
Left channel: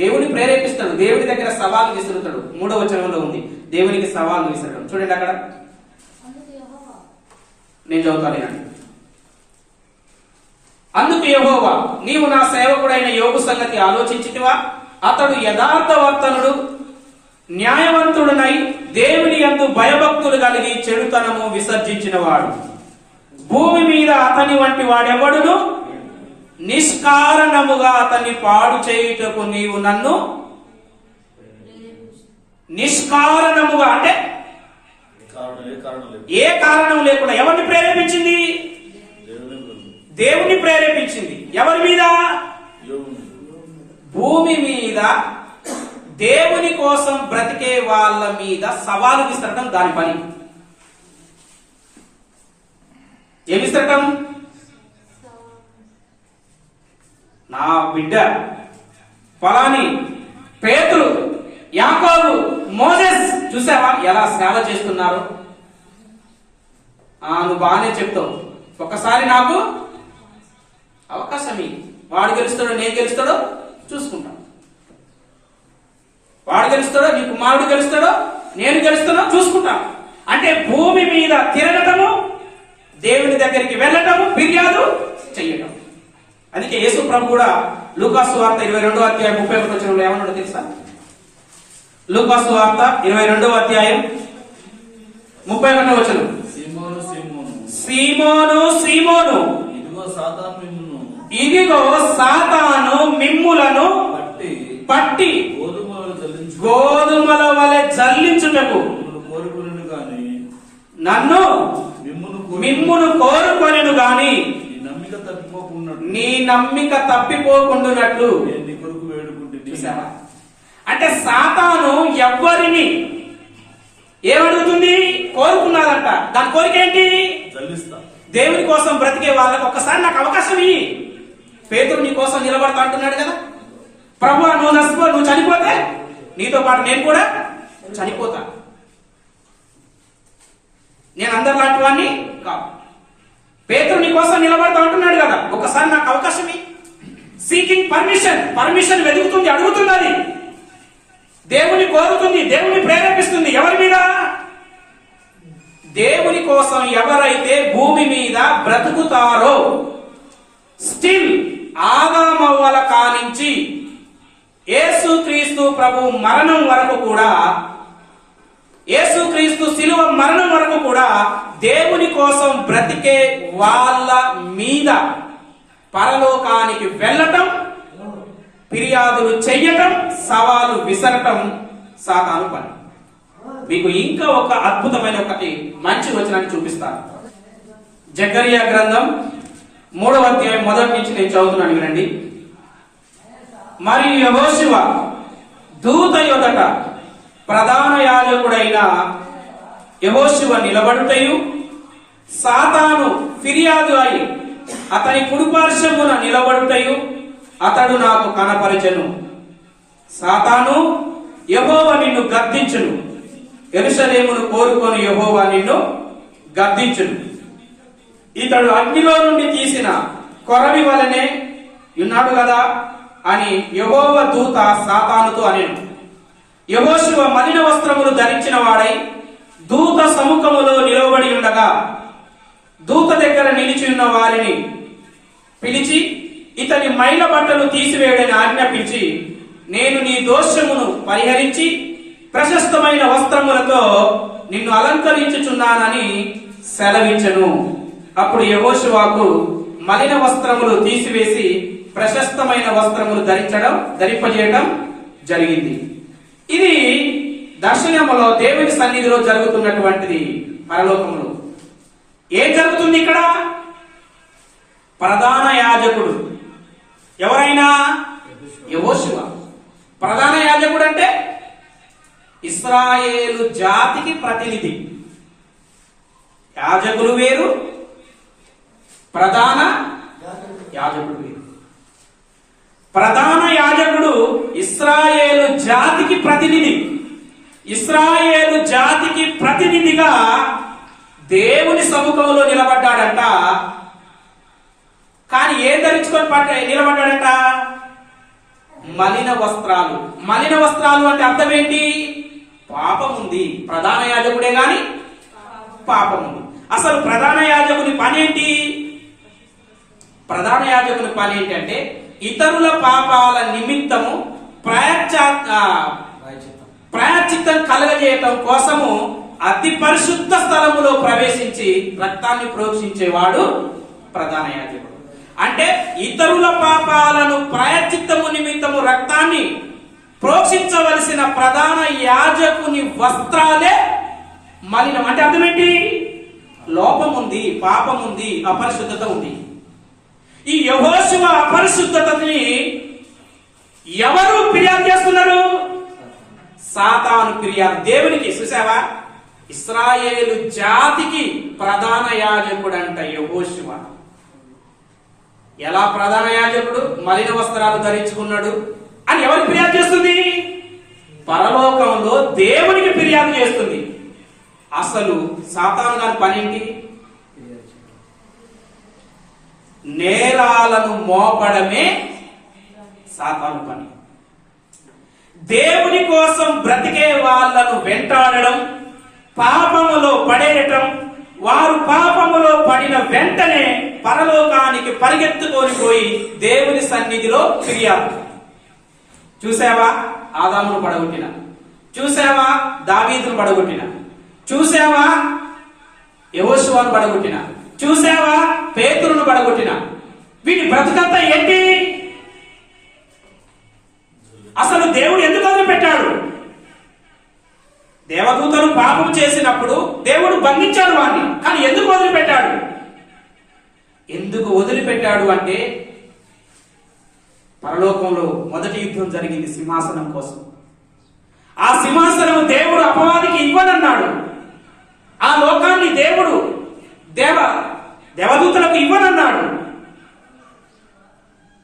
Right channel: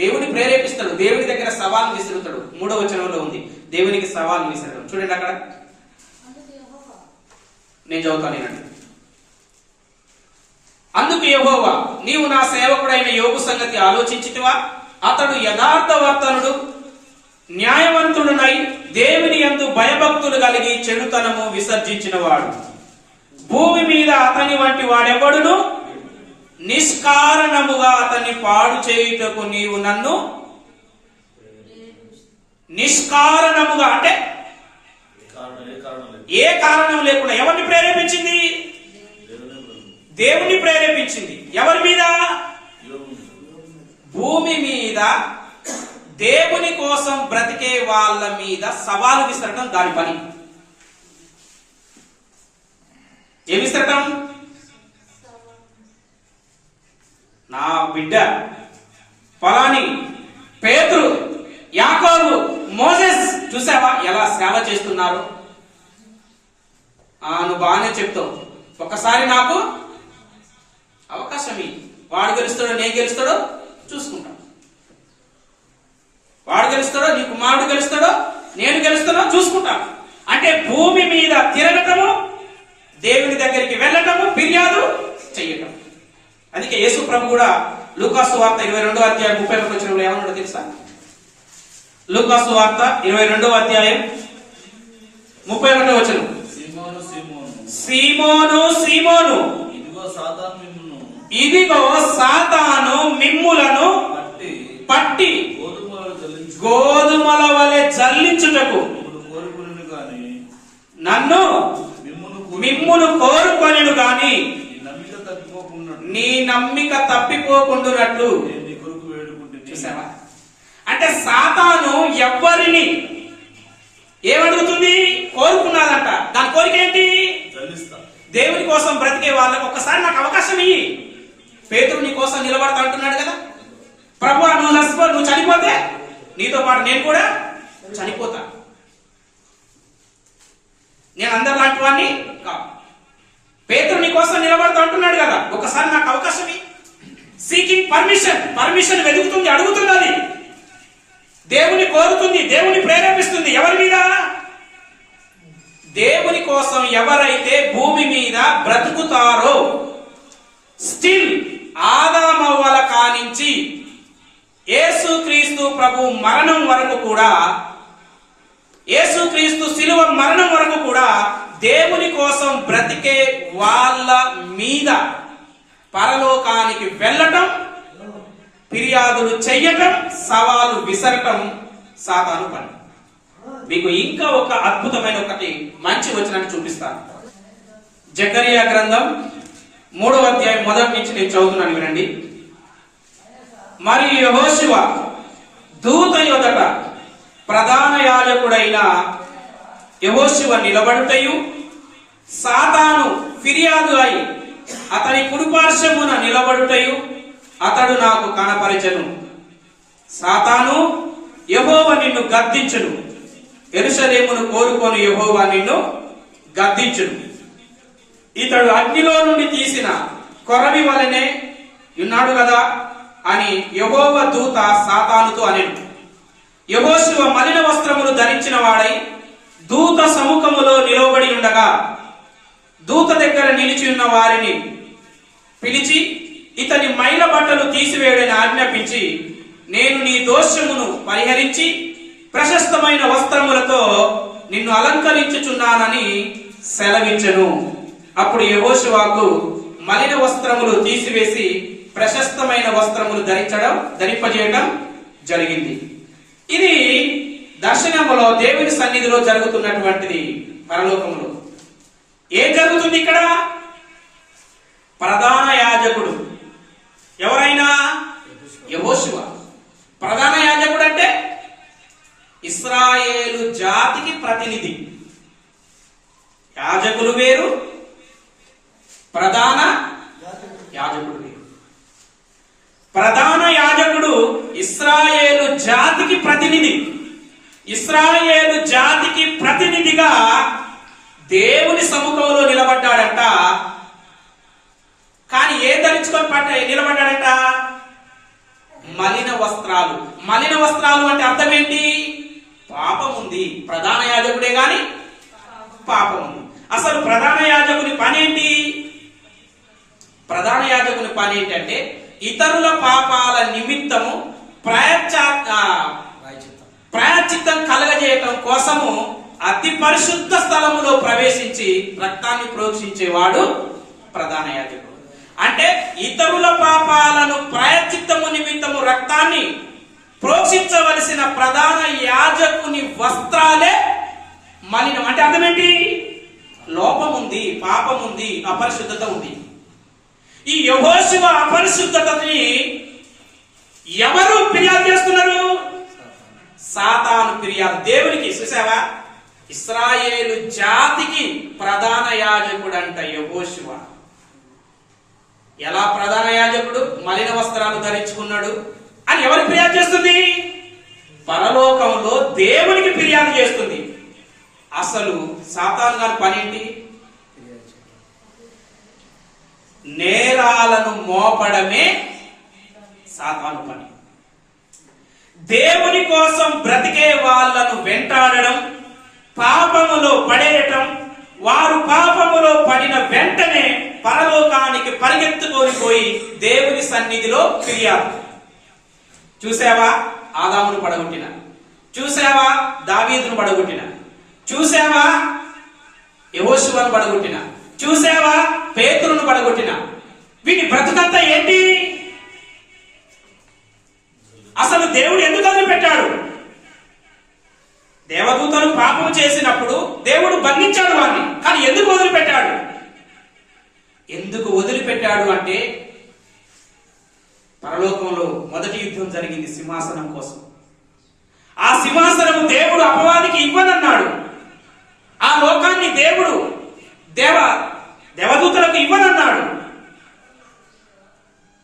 దేవుని ప్రేరేపిస్తాడు, దేవుని దగ్గర సవాలు విసురుతాడు. 3వ వచనంలో ఉంది దేవునికి సవాలు విసరడం. చూడండి అక్కడ, నేను చదువుతాను. అందుకు యెహోవా నీవు నా సేవకుడైన యోబు సంగతి ఆలోచించితివా? అతడు యథార్థవర్తనుడు, న్యాయవంతుడునై దేవుని యందు భయభక్తులు కలిగి చెడుతనము విసర్జించిన వాడు. భూమి మీద అతని వంటి వాడెవడును నిష్కారణముగా అతన్ని పాడు చేయుటకు నీవు నన్ను నిష్కారణముగా అంటే ఏ కారణం లేకుండా ఎవరిని ప్రేరేపించింది? దేవుని ప్రేరేపించింది. ఎవరి మీద? భూమి మీద దేవుని కోసం బ్రతికే వాళ్ళ మీద సవాలు విసరటం దాని పని. ఏమి విసరటం? నా బిడ్డ ఫలాని పేతురు, యాకోబు, మోసెస్ చూసావా ఎలా సేవ చేస్తున్నారు? నువ్వు బాగానే చెప్తావు, ఒక్కసారి నాకు అవకాశం ఇవ్వు. వాడు గెలుస్తాడో నేను గెలుస్తాడో చూసుకుంటా. వాడు గెలుస్తాడో నీ కుమారుడు గెలుస్తాడో నేను గెలుస్తానో చూసుకుంటా. అంటే భూమి మీద తిరగటము, దేవుని దగ్గరికి వెళ్ళటము, ఫిర్యాదు చెయ్యటం. అందుకే యేసు ప్రభు కూడా లూకాసు వార్త 22వ అధ్యాయం 31వ వచనంలో ఏమన్నాడో తెలుసా? లూకాసు వార్త 22వ అధ్యాయం 31వ వచనం. సీమోను సీమోను, సీమోను సీమోను, ఇదిగో సాతాను మిమ్ములను పట్టి గోధుమల వలె జల్లించుటకు కోరుకుని గాని నన్ను మిమ్మును కోరుకొనెను గాని నీ నమ్మిక తప్పిపోకుండునట్లు. చూసావా? అంటే సాతాను ఎవ్వరిని ఏమడుగుతుంది? కోరుకున్నదంట. దాని కోరిక ఏంటి? దేవుని కోసం బ్రతికే వాళ్ళకి ఒక్కసారి నాకు అవకాశం ఇయ్యి. పేతురు నీ కోసం నిలబడతా అంటున్నాడు కదా. ప్రభువా, నువ్వు చనిపోతే నీతో పాటు నేను కూడా చనిపోతా. నేను అందరిలాంటి వాడిని కాదు. పేతురు నీ కోసం నిలబడతా అంటున్నాడు కదా. ఒకసారి నాకు అవకాశం ఇయ్యి. సీకింగ్ పర్మిషన్ వెతుకుతుంది, అడుగుతుంది. అది దేవుని కోరుతుంది, దేవుని ప్రేరేపిస్తుంది. ఎవరి మీద? దేవుని కోసం ఎవరైతే భూమి మీద బ్రతుకుతారో, స్టిల్ ఆదామవ్వల కానించి యేసుక్రీస్తు ప్రభు మరణం వరకు కూడా, యేసుక్రీస్తు శిలువ మరణం వరకు కూడా దేవుని కోసం బ్రతికే వాళ్ళ మీద పరలోకానికి వెళ్ళటం, ఫిర్యాదులు చెయ్యటం, సవాలు విసరటం సాతాను పని. మీకు ఇంకా ఒక అద్భుతమైన ఒకటి మంచి వచనాన్ని చూపిస్తాను. జకరియా గ్రంథం 3వ అధ్యాయం 1 నుంచి నేను చదువుతున్నాను, వినండి. మరియు యెహోషువ దూత యొదట ప్రధాన యాజకుడైన యెహోషువ నిలబడుటయు, సాతాను ఫిర్యాదు అయి అతని కుడిపార్శ్వమున నిలబడుటయు అతడు నాకు కనపరచెను. సాతాను, యెహోవా నిన్ను గద్దించును, యెరూషలేమును కోరుకొని యెహోవా నిన్ను గద్దించును. ఇతడు అగ్నిలో నుండి తీసిన కొరవి వలనే ఉన్నాడు కదా అని యెహోవా దూత సాతానుతో అనెను. యెహోషువ మలిన వస్త్రములు ధరించిన వాడై దూత సముఖములో నిలవబడి ఉండగా, దూత దగ్గర నిలిచి ఉన్న వారిని పిలిచి ఇతని మైల బట్టలు తీసివేయడని ఆజ్ఞాపించి, నేను నీ దోషమును పరిహరించి ప్రశస్తమైన వస్త్రములతో నిన్ను అలంకరించుచున్నానని సెలవించెను. అప్పుడు యెహోషువకు మలిన వస్త్రములు తీసివేసి ప్రశస్తమైన వస్త్రములు ధరింపజేయడం జరిగింది. ఇది దర్శనములో దేవుని సన్నిధిలో జరుగుతున్నటువంటిది. పరలోకములో ఏం జరుగుతుంది? ఇక్కడ ప్రధాన యాజకుడు ఎవరైనా యెహోషువ. ప్రధాన యాజకుడు అంటే ఇశ్రాయేలు జాతికి ప్రతినిధి. యాజకులు వేరు, ప్రధాన యాజకుడు వేరు. ప్రధాన యాజకుడు ఇశ్రాయేలు జాతికి ప్రతినిధి. ఇశ్రాయేలు జాతికి ప్రతినిధిగా దేవుని సముఖంలో నిలబడ్డాడంట. కానీ ఏం ధరించుకొని నిలబడ్డాడట? మలిన వస్త్రాలు. మలిన వస్త్రాలు అంటే అర్థం ఏంటి? పాపం ఉంది. ప్రధాన యాజకుడే గాని పాపం ఉంది. అసలు ప్రధాన యాజకుని పని ఏంటి? ప్రధాన యాజకుని పని ఏంటంటే ఇతరుల పాపాల నిమిత్తము ప్రాయశ్చిత్తం కలగజేయటం కోసము అతి పరిశుద్ధ స్థలములో ప్రవేశించి రక్తాన్ని ప్రోక్షించేవాడు ప్రధాన యాజకుడు. అంటే ఇతరుల పాపాలను ప్రాయశ్చిత్తము నిమిత్తము రక్తాన్ని ప్రోక్షించవలసిన ప్రధాన యాజకుని వస్త్రాలే మలినం. అంటే అర్థమేంటి? లోపం ఉంది, పాపం ఉంది, అపరిశుద్ధత ఉంది. ఈ యెహోషువ అపరిశుద్ధతని ఎవరు ఫిర్యాదు చేస్తున్నారు? సాతాను ఫిర్యాదు దేవునికి. చూసావా? ఇశ్రాయేలు జాతికి ప్రధాన యాజకుడంట యెహోషువ. ఎలా ప్రధాన యాజకుడు మలిన వస్త్రాలు ధరించుకున్నాడు అని ఎవరు ఫిర్యాదు చేస్తుంది? పరలోకంలో దేవునికి ఫిర్యాదు చేస్తుంది. అసలు సాతాను గారి పని ఏంటి? నేరాలను మోపడమే సాతాను పని. దేవుని కోసం బ్రతికే వాళ్ళను వెంటాడడం, పాపములో పడేయటం, వారు పాపములో పడిన వెంటనే పరలోకానికి పరిగెత్తుకొని పోయి దేవుని సన్నిధిలో ఫిర్యాదు. చూసావా ఆదామును పడగొట్టిన, చూసావా దావీదును పడగొట్టిన, చూసావా యెహోషువను పడగొట్టిన, చూసావా పేతురును పడగొట్టిన. వీటి బ్రతుకంతా ఏంటి? అసలు దేవుడు ఎందుకు వదిలిపెట్టాడు? దేవదూతలు పాపం చేసినప్పుడు దేవుడు బంధించాడు వాడిని, కానీ ఎందుకు వదిలిపెట్టాడు? ఎందుకు వదిలిపెట్టాడు అంటే పరలోకంలో మొదటి యుద్ధం జరిగింది సింహాసనం కోసం. ఆ సింహాసనం దేవుడు అపవాదికి ఇవ్వనన్నాడు. ఆ లోకాన్ని దేవుడు దేవదూతలకు ఇవ్వనన్నాడు.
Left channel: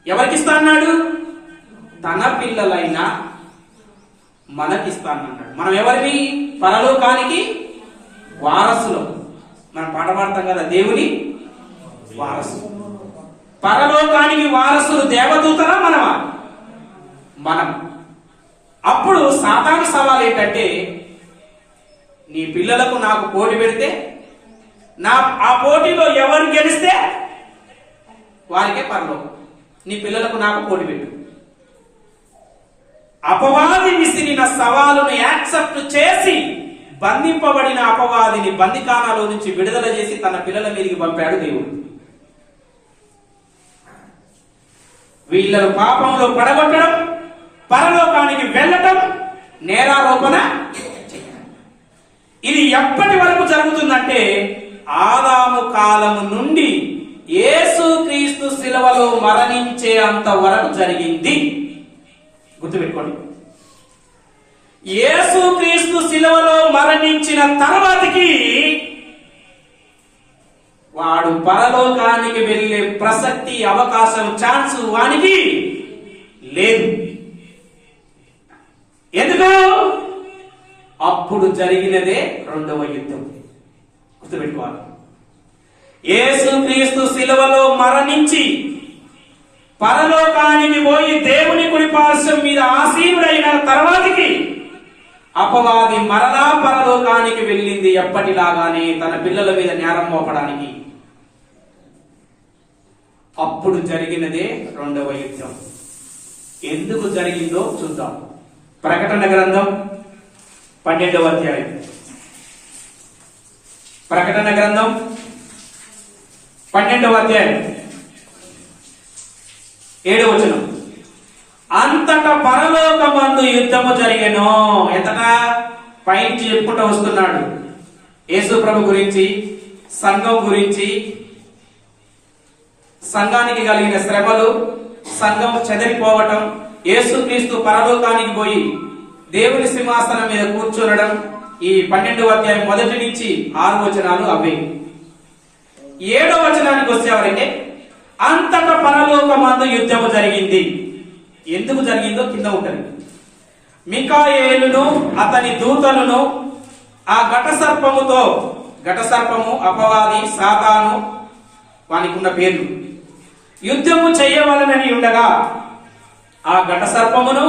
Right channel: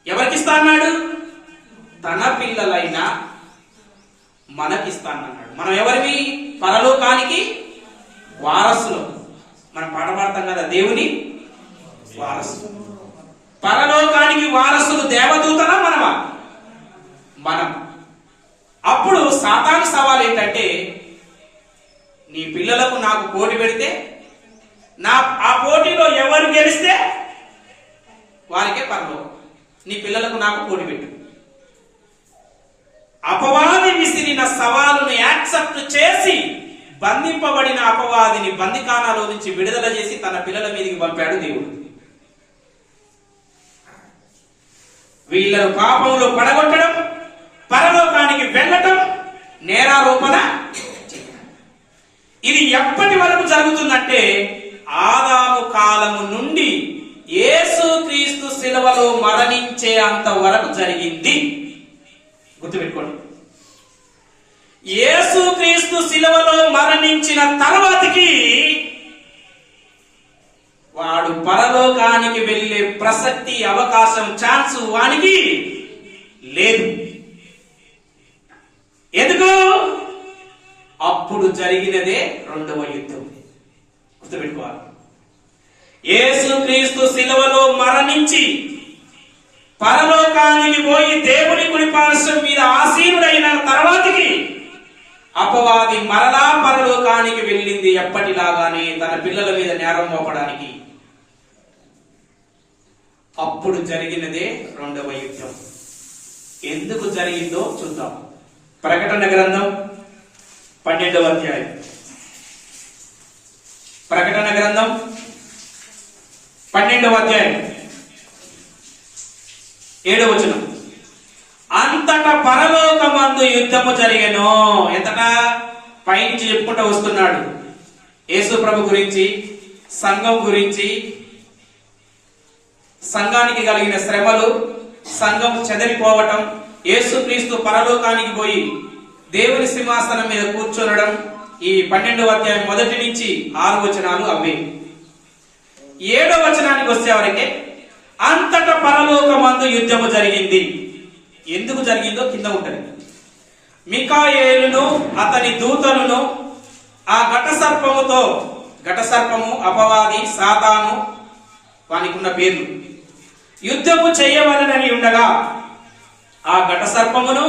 ఎవరికిస్తా అన్నాడు? తన పిల్లలైన మనకిస్తా అన్నాడు. మనం ఎవరివి? పరలోకానికి వారసులు. మనం పాట పాడతాం కదా, దేవుని వారసులు. పరలోకానికి వారసులు దేవదూతలా మనమా? మనం. అప్పుడు సాతాను సవాల్ ఏంటంటే, నీ పిల్లలకు నాకు పోటీ పెడితే ఆ పోటీలో ఎవరు గెలిస్తే వారికే పరలోకం. నీ పిల్లలకు నాకు పోటీ పెట్టు. అపవాది విసిరిన సవాలును యాక్సెప్ట్ చేసి బంధింపబడిన అపవాదిని బందికానాలో నుంచి విడుదల చేసి తన పిల్లల మీదకి పంపాడు దేవుడు. వీళ్ళను పాపంలో పడగొట్టడం, పరలోకానికి వెళ్ళటం, నేరారోపణ చేయడం. ఇది ఎప్పటి వరకు జరుగుతుందంటే ఆదాము కాలము నుండి యేసుక్రీస్తు శిలువలో మరణించే అంత వరకు జరిగింది. గుర్తుపెట్టుకోండి. యేసుక్రీస్తు శిలువలో మరణించిన తర్వాతకి వాడు పరలోకానికి వెళ్ళే ప్రసక్తి, అవకాశం, ఛాన్స్ వానికి లేదు. ఎందుకు? అప్పుడు జరిగినదే రెండవ యుద్ధం. గుర్తుపెట్టుకోవాలి. యేసుక్రీస్తు శిలువలో మరణించి పరలోకానికి పోయి దేవుని కుడిపార్శ్వం మీద ఆసీనుడైన తర్వాతకి అపవాది మరలా పరలోకానికి వెళ్ళింది ఎప్పటిలాగానే తన పిల్లల మీద నేరం మోపడానికి. అప్పుడు జరిగినదే రెండవ యుద్ధం. ఎందుకు జరిగిందో చూద్దాం. ప్రకటన గ్రంథం 12వ అధ్యాయం. ప్రకటన గ్రంథం 12వ అధ్యాయం 7వ వచనం. అంతటా పరలోకమందు యుద్ధము జరిగెను. ఎంతటా? పైనుంచి చెప్పుకుంటూ వస్తున్నాడు. యేసు ప్రభు గురించి, సంఘం గురించి, సంఘానికి కలిగిన శ్రమలు, సంఘం చెదరిపోవటం, యేసుక్రీస్తు పరలోకానికి పోయి దేవుని సింహాసనం మీద కూర్చోనడం. ఈ 12వ అధ్యాయం 1 నుంచి 6 వచనాలు అవే. 7వ వచనానికి వచ్చేవరకే అంతటా పరలోకమందు యుద్ధము జరిగింది. ఎందుకు జరిగిందో కింద ఉంటుంది. మికాయేలును అతని దూతలను ఆ ఘటసర్పముతో, ఘటసర్పము అపవాది సాతాను వానికి ఉన్న పేర్లు, యుద్ధము చేయవలనని ఉండగా ఆ ఘటసర్పమును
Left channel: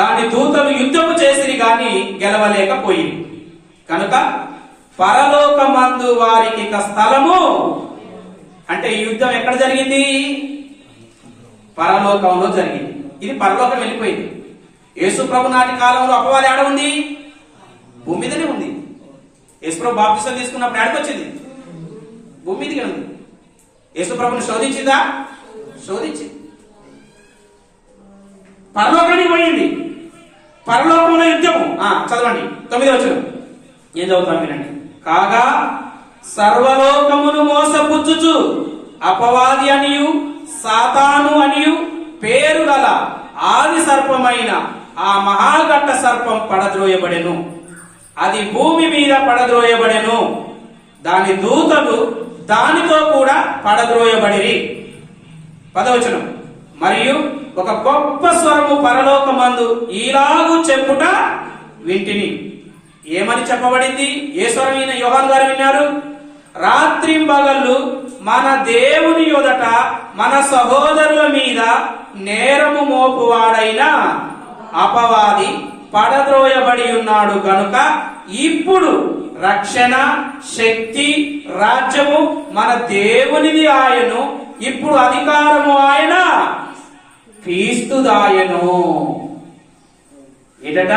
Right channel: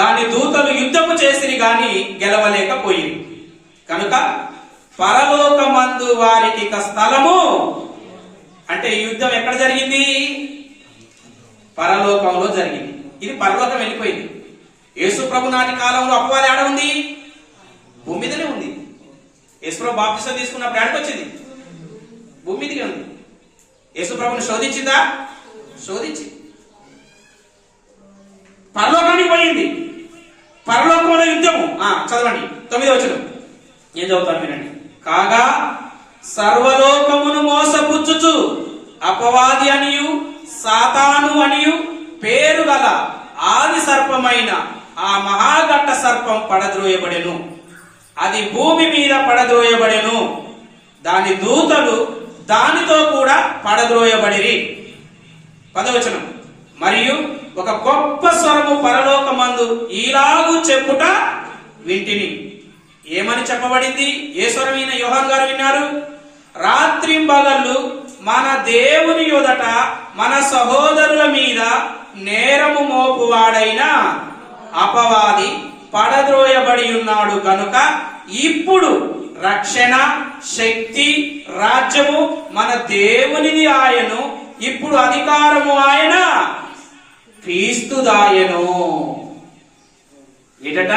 దాని దూతలు యుద్ధము చేసిరి గాని గెలవలేకపోయింది. కనుక పరలోకమందు వారికి ఇక స్థలము. అంటే ఈ యుద్ధం ఎక్కడ జరిగింది? పరలోకంలో జరిగింది. ఇది పరలోకం వెళ్ళిపోయింది. యేసు ప్రభు నాటి కాలంలో అపవాది ఆడ ఉంది? భూమి మీదనే ఉంది. యేసు ప్రభు బాప్తిసం తీసుకున్నప్పుడు ఆడికి వచ్చింది? భూమి మీదనే ఉంది. యేసు ప్రభుని శోధించిందా? శోధించి పరలోకానికి పోయింది. పరలోకంలో యుద్ధము. చదవండి 9వ వచనం. ఏం చదువుతాను వినండి. కాగా సర్వలోకమును మోసపుచ్చుచు అపవాది అనియు సాతాను అనియు పేరు గల ఆది సర్పమైన ఆ మహాఘట్ట సర్పం పడద్రోయబడెను. అది భూమి మీద పడద్రోయబడెను. దాని దూతలు దానితో కూడా పడద్రోయబడిరి. 10వ వచనం. మరియు ఒక గొప్ప స్వరము పరలోకమందు ఈలాగు చెప్పుట వింటిని. ఏమని చెప్పబడింది? ఏ స్వరం ఈయన యోహాను గారు విన్నారు? రాత్రింబగళ్ళు మన దేవుని యొదట మన సహోదరుల మీద నేరము మోపువాడైన అపవాది పడద్రోయబడి ఉన్నాడు కనుక ఇప్పుడు రక్షణ, శక్తి, రాజ్యము మన దేవునిది ఆయను, ఇప్పుడు అధికారము ఆయన క్రీస్తుదాయను. ఏటట?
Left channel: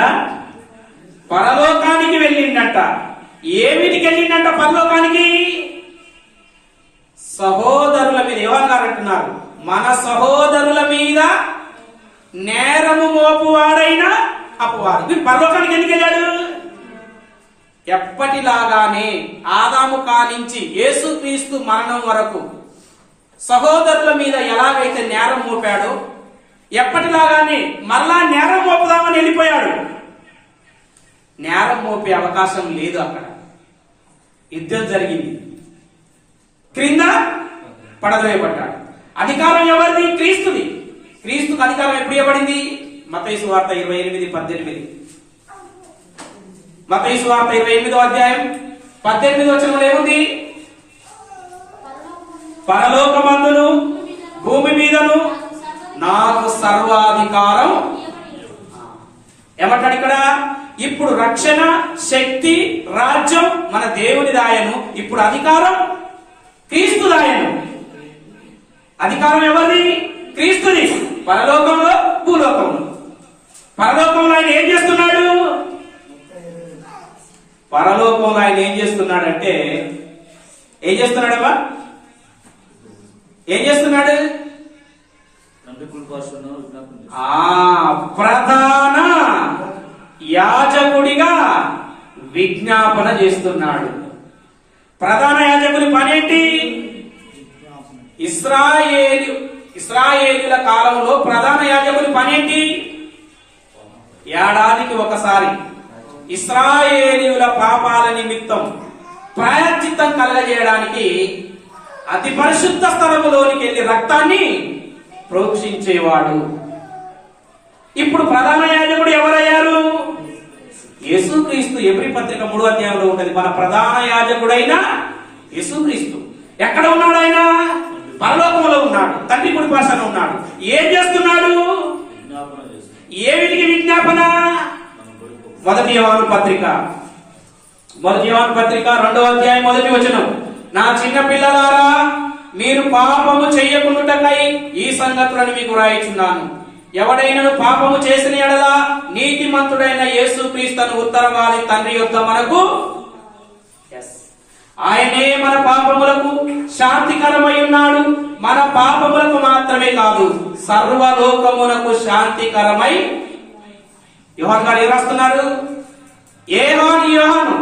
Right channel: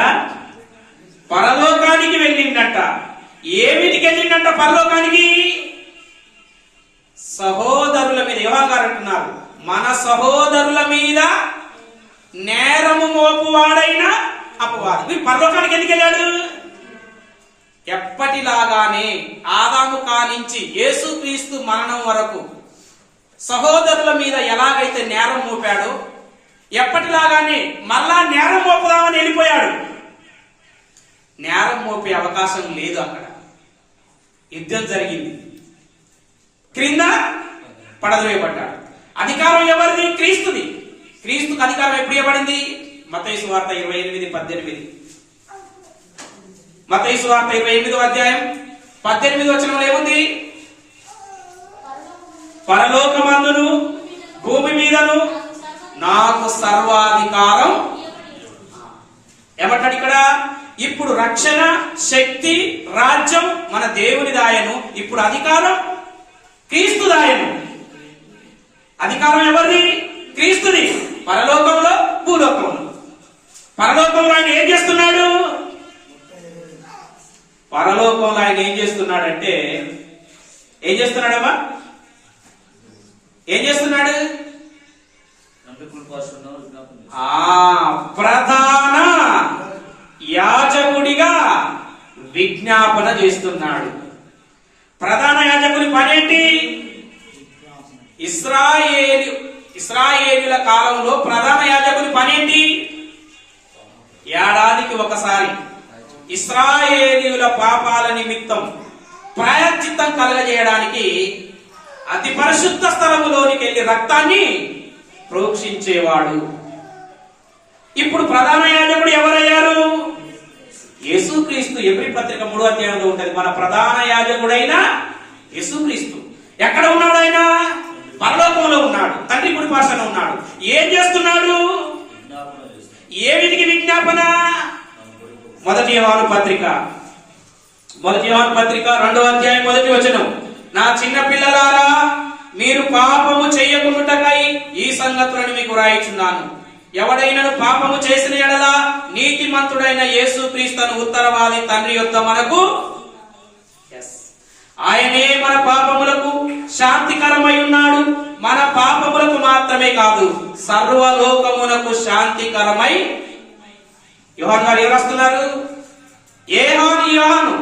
పరలోకానికి వెళ్ళిందట. ఏమిటికి వెళ్ళిందంట పరలోకానికి? సహోదరుల మీద. యోహాన్ గారు అంటున్నారు, మన సహోదరుల మీద నేరము మోపువాడైన అపవాది. మీరు పరలోకానికి ఎందుకు వెళ్ళాడు? ఎప్పటిలాగానే ఆదాము కానించి యేసుక్రీస్తు మరణం వరకు సహోదరుల మీద ఎలాగైతే నేరం మోపాడో, ఎప్పటిలాగానే మరలా నేరం మోపుదామని వెళ్ళిపోయాడు. నేరం మోపే అవకాశం లేదు. అక్కడ యుద్ధం జరిగింది, క్రింద పడద్రోయబడ్డాడు. అధికారం ఎవరిది? క్రీస్తుది. క్రీస్తుకు అధికారం ఎప్పుడు ఇవ్వబడింది? మత్తయి సువార్త 28:18. మత్తయి సువార్త 28వ అధ్యాయం 18వ వచనంలో ఏముంది? పరలోకమందును భూమి మీదను నాకు సర్వాధికారం. ఏమంటాడు ఇక్కడ? ఇప్పుడు రక్షణ, శక్తి, రాజ్యం మన దేవుని దాయను, ఇప్పుడు అధికారం క్రీస్తు దాయను. అధికారం ఎవరిది? క్రీస్తుది. పరలోకంలో, భూలోకంలో. పరలోకంలో ఆయన ఏం చేస్తున్నాడు? పరలోకంలో ఆయన ఏం చేస్తున్నాడంటే, ఏం చేస్తున్నాడమ్మా? ఏం చేస్తున్నాడు? ప్రధాన యాజకుడిగా విజ్ఞాపన చేస్తున్నాడు. ప్రధాన యాజకుని పనేంటి? ఇశ్రాయేలుల కాలంలో ప్రధాన యాజకుని పనేంటి? ఏడాదికి ఒకసారి ఇశ్రాయేలీయుల పాపాల నిమిత్తం ప్రాయశ్చిత్తం కలగజేయడానికి అతి పరిశుద్ధ స్థలములోనికి వెళ్లి రక్తాన్ని ప్రోక్షించేవాడు. ఇప్పుడు ప్రధాన యాజకుడు ఎవరయ్యారు? యేసుక్రీస్తు. ఎబ్రీ పత్రిక 3వ అధ్యాయంలో ఉంటది. మన ప్రధాన యాజకుడైన యేసుక్రీస్తు ఎక్కడ ఉన్నాడు? ఆయన పరలోకంలో ఉన్నాడు, తండ్రి కుడి పార్శ్వన ఉన్నాడు. ఏం చేస్తున్నాడు? ఏమిటికి విజ్ఞాపన? మొదటి యోహాను పత్రిక 2వ అధ్యాయం 1వ వచనం. నా చిన్న పిల్లలారా, మీరు పాపము చెయ్యకుండుటకై ఈ సంగతులను మీకు రాయిచున్నాను. ఎవడైనను పాపము చేసిన ఎడల నీతిమంతుడైన యేసుక్రీస్తును ఉత్తరవాలి తండ్రి యొద్ద మనకు, ఆయనే మన పాపములకు శాంతికరమై ఉన్నాడు. మన పాపములకు మాత్రమే కాదు, సర్వలోకమునకు శాంతికరమై. యోహాను గారు ఏం రాస్తున్నారు? యోహాను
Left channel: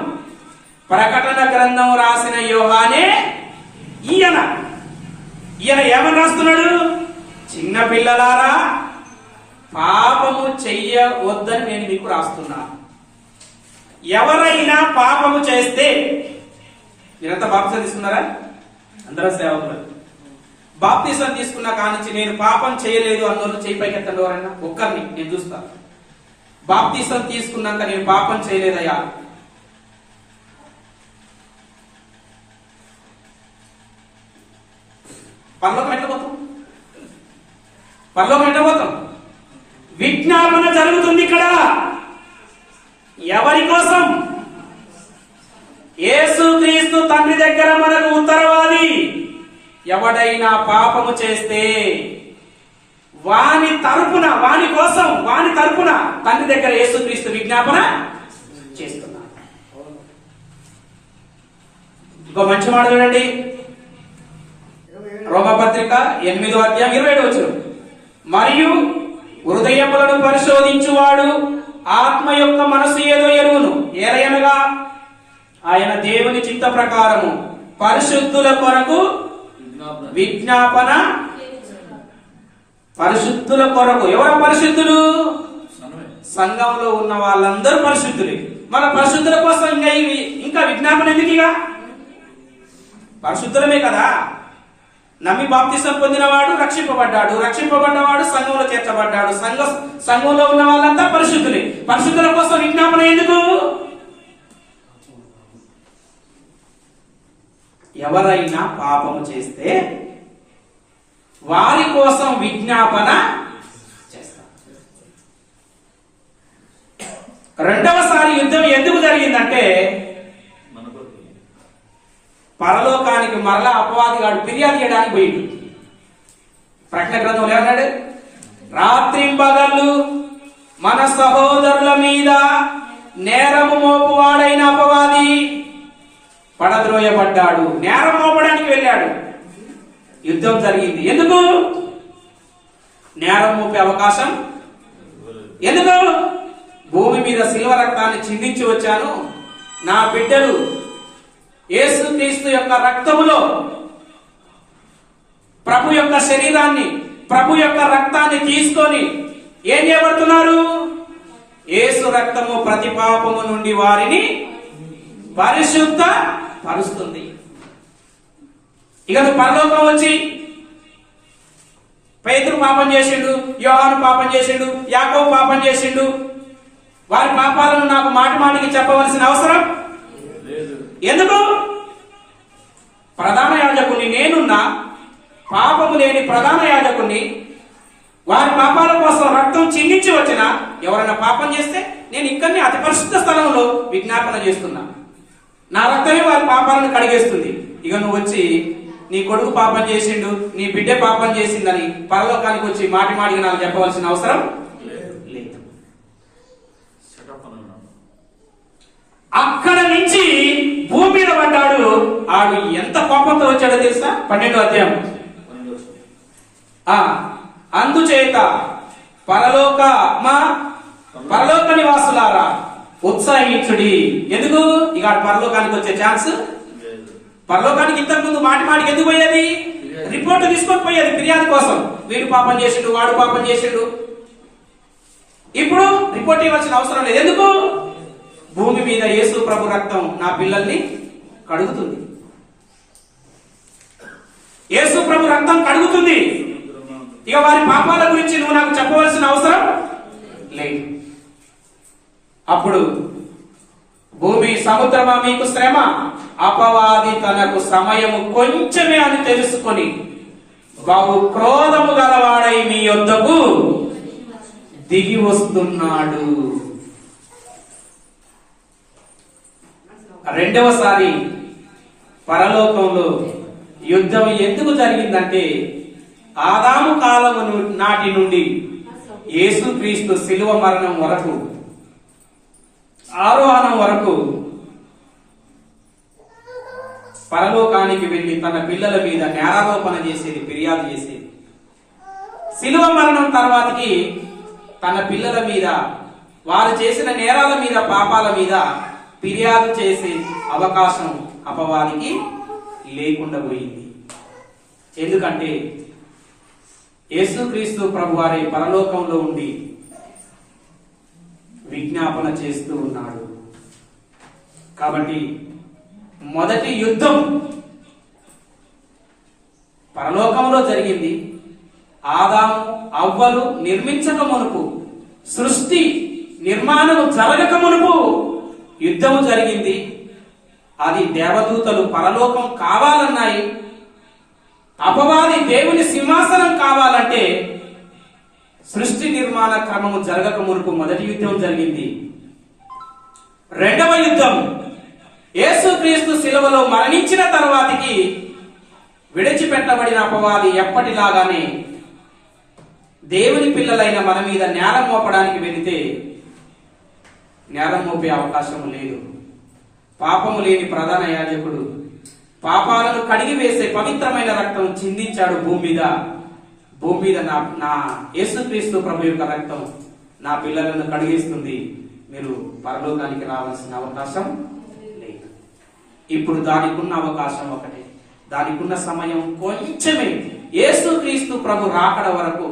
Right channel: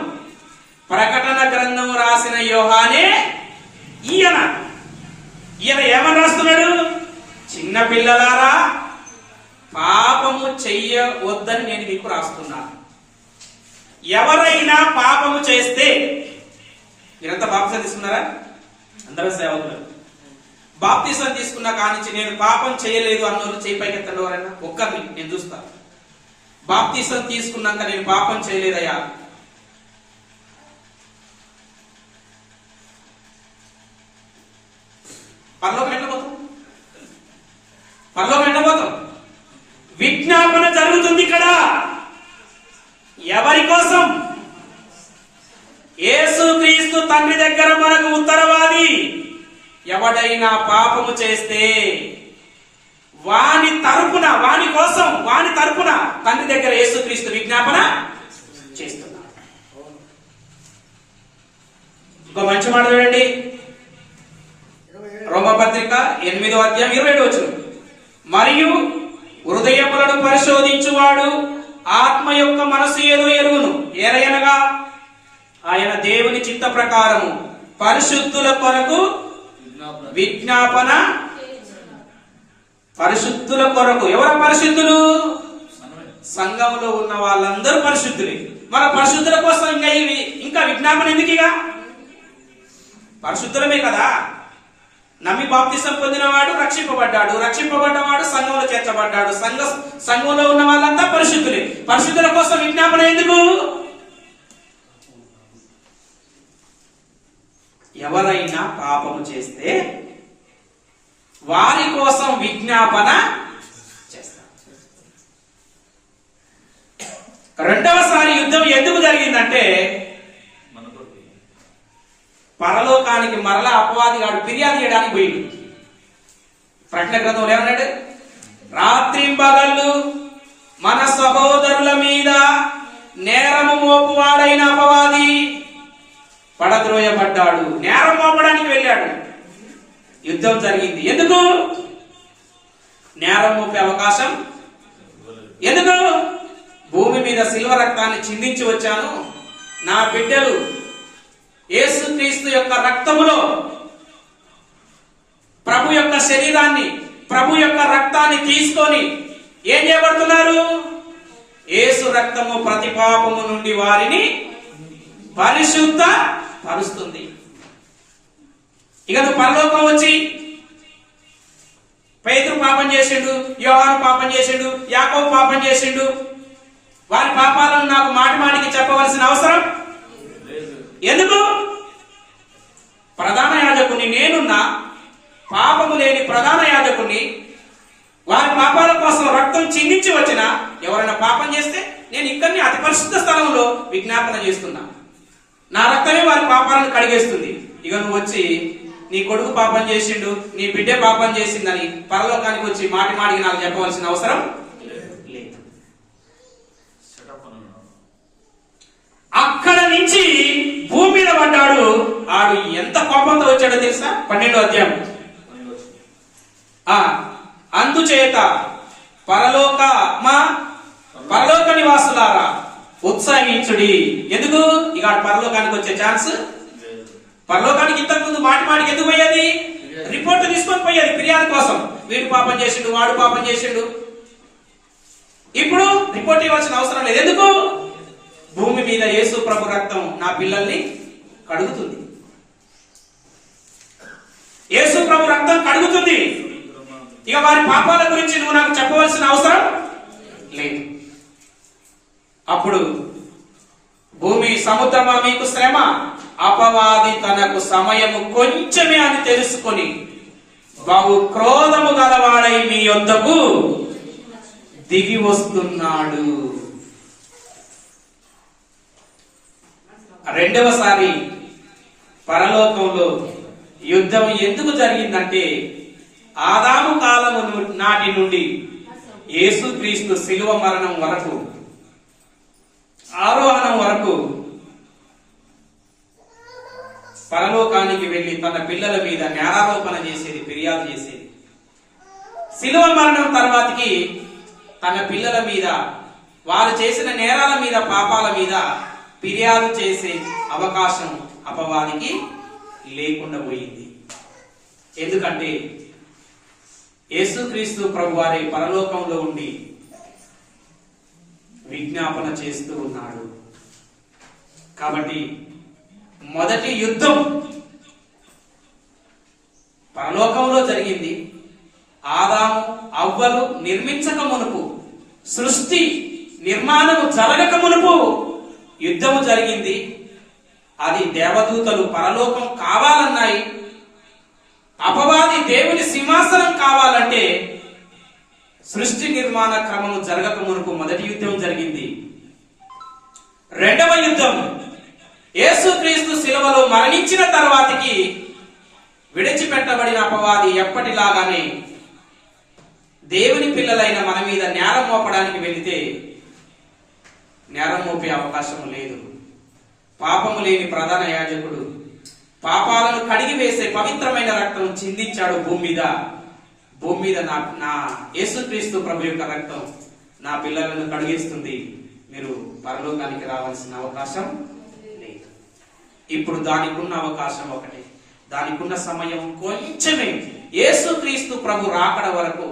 ప్రకటన గ్రంథం రాసిన యోహానే ఈయన ఏమని రాస్తున్నాడు? చిన్న పిల్లలారా, పాపము చెయ్యవద్దని నేను మీకు రాస్తున్నాను. ఎవరైనా పాపము చేస్తే, మీరంతా బాప్తిసం తీసుకున్నారా? అందరూ సేవకులు. బాప్తిసం తీసుకున్నా కానించి నేను పాపం చేయలేదు అన్నోళ్ళు చేయి పైకెత్తండి. ఎవరైనా ఒక్కరిని నేను చూస్తాను. బాప్తిసం తీసుకున్నాక నేను పాపం చేయలేదయ్యా. పరలోకం ఎట్లా పోతాం? విజ్ఞాపన జరుగుతుంది ఇక్కడ. ఎవరి కోసం? యేసుక్రీస్తు తండ్రి దగ్గర మనకు ఉత్తరవాది. ఎవడైనా పాపము చేస్తే వాని తరపున తండ్రి దగ్గర యేసుక్రీస్తు విజ్ఞాపన చేస్తున్నాడు. ఇంకో మంచి మాట చూడండి. రోమపత్రిక 8వ అధ్యాయం 27వ వచనం. మరియు హృదయములను పరిశోధించువాడు ఆత్మ యొక్క మనసు ఏదో ఎరువును, ఏలయనగా ఆయన దేవుని చిత్త ప్రకారము పరిశుద్ధుల కొరకు విజ్ఞాపన. పరిశుద్ధుల కొరకు. ఎవరు పరిశుద్ధులు? సంఘంలో ఉన్న వాళ్ళందరూ పరిశుద్ధులే. మన పరిశుద్ధుల కోసం ఇంకా విజ్ఞాపన ఎందుకుగా? పరిశుద్ధులమే కదా. నమ్మి బాప్తిసం పొందినవాడు రక్షింపబడ్డాడు, రక్షింపబడ్డవాడు సంఘంలో చేర్చబడ్డాడు. సంఘంలో ఉన్న వాళ్ళంతా పరిశుద్ధులే. పరిశుద్ధుల కోసం విజ్ఞాపన ఎందుకు? ఎవరైనా పాపము చేస్తే వారి కోసం విజ్ఞాపన చేస్తారు. రెండవసారి యుద్ధం ఎందుకు జరిగిందంటే పరలోకానికి మరలా అపవాది గాడు ఫిర్యాదు చేయడానికి పోయింది. ప్రకటన గ్రంథంలో ఏమన్నాడు? రాత్రింబగళ్ళు మన సహోదరుల మీద నేరము మోపువాడైన అపవాది పడద్రోయబడ్డాడు. నేరం మోపడానికి వెళ్ళాడు. యుద్ధం జరిగింది. ఎందుకు? నేరం మోపే అవకాశం ఎందుకు? భూమి మీద శిల్వ రక్తాన్ని చిందించి వచ్చాను, నా బిడ్డలు యేసుక్రీస్తు యొక్క రక్తములో ప్రభు యొక్క శరీరాన్ని, ప్రభు యొక్క రక్తాన్ని తీసుకొని ఏం చేయబడుతున్నారు? యేసు రక్తము ప్రతి పాపము నుండి వారిని పరిశుద్ధ పరుస్తుంది. ఇక నువ్వు పరలోకం వచ్చి పేతురు పాపం చేసిండు, యోహాను పాపం చేసిండు, యాకోబు పాపం చేసిండు, వారి పాపాలను నాకు మాటి మాటికి చెప్పవలసిన అవసరం ఎందుకు? ప్రధాన యాజకుని నేనున్నా, పాపము లేని ప్రధాన యాజకుని, వారి పాపాల కోసం రక్తం చిందించి వచ్చిన ఎవరైనా పాపం చేస్తే నేను ఇక్కడిని అతి పరిశుద్ధ స్థలంలో విజ్ఞాపన చేస్తున్నా, నా రక్తమే వారి పాపాలను కడిగేస్తుంది. ఇక నువ్వు వచ్చి నీ కొడుకు పాపం చేసిండు, నీ బిడ్డ పాపం చేసిందని పరలోకానికి వచ్చి మాటి మాటికి నాకు చెప్పవలసిన అవసరం లేదు. అక్కడ నుంచి భూమి మీద పడ్డాడు. ఆడు ఎంత కోపంతో వచ్చాడో తెలుసా? 12వ అధ్యాయం. అందుచేత పరలోక నివాసులారా ఉత్సాహించుడి. ఎందుకు? ఇక పరలోకానికి వచ్చే ఛాన్స్. పరలోకానికి ఇంతకు ముందు మాటి మాటికి ఎందుకు పోయేది? రిపోర్ట్ తీసుకొని పోయేది ఫిర్యాదు కోసం. వీడు పాపం చేసిండు, వాడు పాపం చేసిండు. ఇప్పుడు రిపోర్ట్ ఇవ్వాల్సిన అవసరం లేదు. ఎందుకు? భూమి మీద యేసు ప్రభు రక్తం నా పిల్లల్ని కడుగుతుంది. యేసు ప్రభు రక్తం కడుగుతుంది. ఇక వారి పాపాల గురించి నువ్వు నాకు చెప్పవలసిన అవసరం లేదు. అప్పుడు భూమి సముద్రమా మీకు శ్రమ, అపవాది తనకు సమయము కొంచెమే అని తెలుసుకొని బహు క్రోధము గలవాడై మీ యొద్దకు దిగి వస్తున్నాడు. రెండవసారి పరలోకంలో యుద్ధం ఎందుకు జరిగిందంటే ఆదాము కాలము నాటి నుండి యేసుక్రీస్తు శిలువ మరణం వరకు, ఆరోహణం వరకు పరలోకానికి వెళ్లి తన పిల్లల మీద నేరారోపణ చేసేది, ఫిర్యాదు చేసేది. శిలువ మరణం తర్వాతకి తన పిల్లల మీద, వారు చేసిన నేరాల మీద, పాపాల మీద ఫిర్యాదు చేసే అవకాశం అపవాదికి లేకుండా పోయింది. ఎందుకంటే యేసుక్రీస్తు ప్రభు వారి పరలోకంలో ఉండి విజ్ఞాపన చేస్తూ ఉన్నాడు. కాబట్టి మొదటి యుద్ధం పరలోకంలో జరిగింది. ఆదాము అవ్వలు నిర్మించక మునుపు, సృష్టి నిర్మాణము జరగక మునుపు యుద్ధము జరిగింది. అది దేవదూతలు పరలోకం కావాలన్నాయి. అపవాది దేవుని సింహాసనం కావాలంటే సృష్టి నిర్మాణ క్రమము జరగక మునుపు మొదటి యుద్ధం జరిగింది. రెండవ యుద్ధం యేసుక్రీస్తు శిలువలో మరణించిన తర్వాతకి విడిచిపెట్టబడిన అపవాది ఎప్పటిలాగానే దేవుని పిల్లలైన మన మీద నేరం మోపడానికి వెళితే నేరం మోపే అవకాశం లేదు. పాపము లేని ప్రధాన యాజకుడు పాపాలను కడిగి వేసే పవిత్రమైన రక్తం చిందించాడు భూమి మీద. నా యేసుక్రీస్తు ప్రభు యొక్క రక్తం నా పిల్లలను కడిగేస్తుంది, మీరు పరలోకానికి రావాల్సిన అవకాశం లేదు. ఇప్పుడు దానికున్న అవకాశం ఒకటే, దానికున్న సమయం కొంచెమే. యేసుక్రీస్తు ప్రభు రాకడ వరకు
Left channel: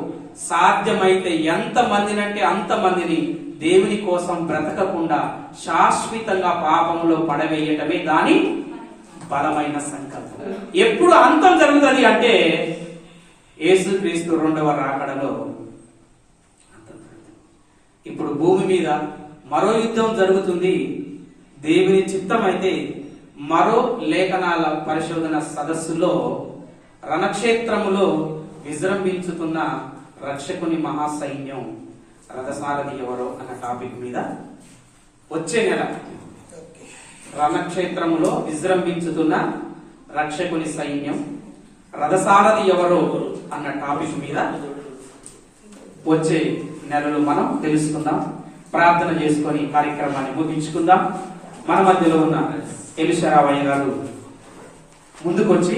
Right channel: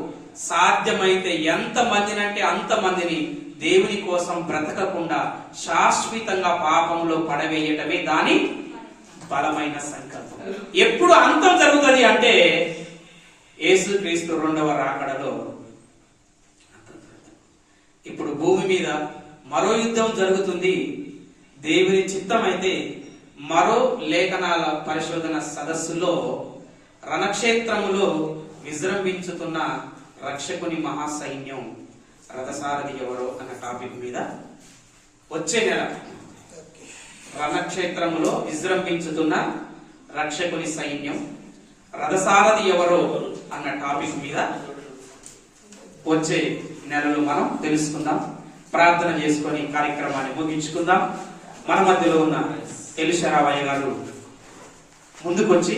సాధ్యమైతే ఎంతమందినంటే అంతమందిని దేవుని కోసం బ్రతకకుండా శాశ్వతంగా పాపంలో పడవేయటమే దాని బలమైన సంకల్పం. ఎప్పుడు అంతం జరుగుతుంది అంటే యేసుక్రీస్తు రెండవ రాకడలో అంతం జరుగుతుంది. ఇప్పుడు భూమి మీద మరో యుద్ధం జరుగుతుంది. దేవుని చిత్తం అయితే మరో లేఖనాల పరిశోధన సదస్సులో రణక్షేత్రములో విజృంభించుతున్న రక్షకుని మహాసైన్యం రథసారథి ఎవరో అన్న టాపిక్ మీద వచ్చే నెల రణక్షేత్రములో విజృంభించుతున్న రక్షకుని సైన్యం రథసారథి ఎవరో అన్న టాపిక్ మీద వచ్చే నెలలు మనం తెలుసుకుందాం. ప్రార్థన చేసుకొని కార్యక్రమాన్ని ముగించుకుందాం. మన మధ్యలో ఉన్న ఎలిషారావయ్య గారు ముందుకొచ్చి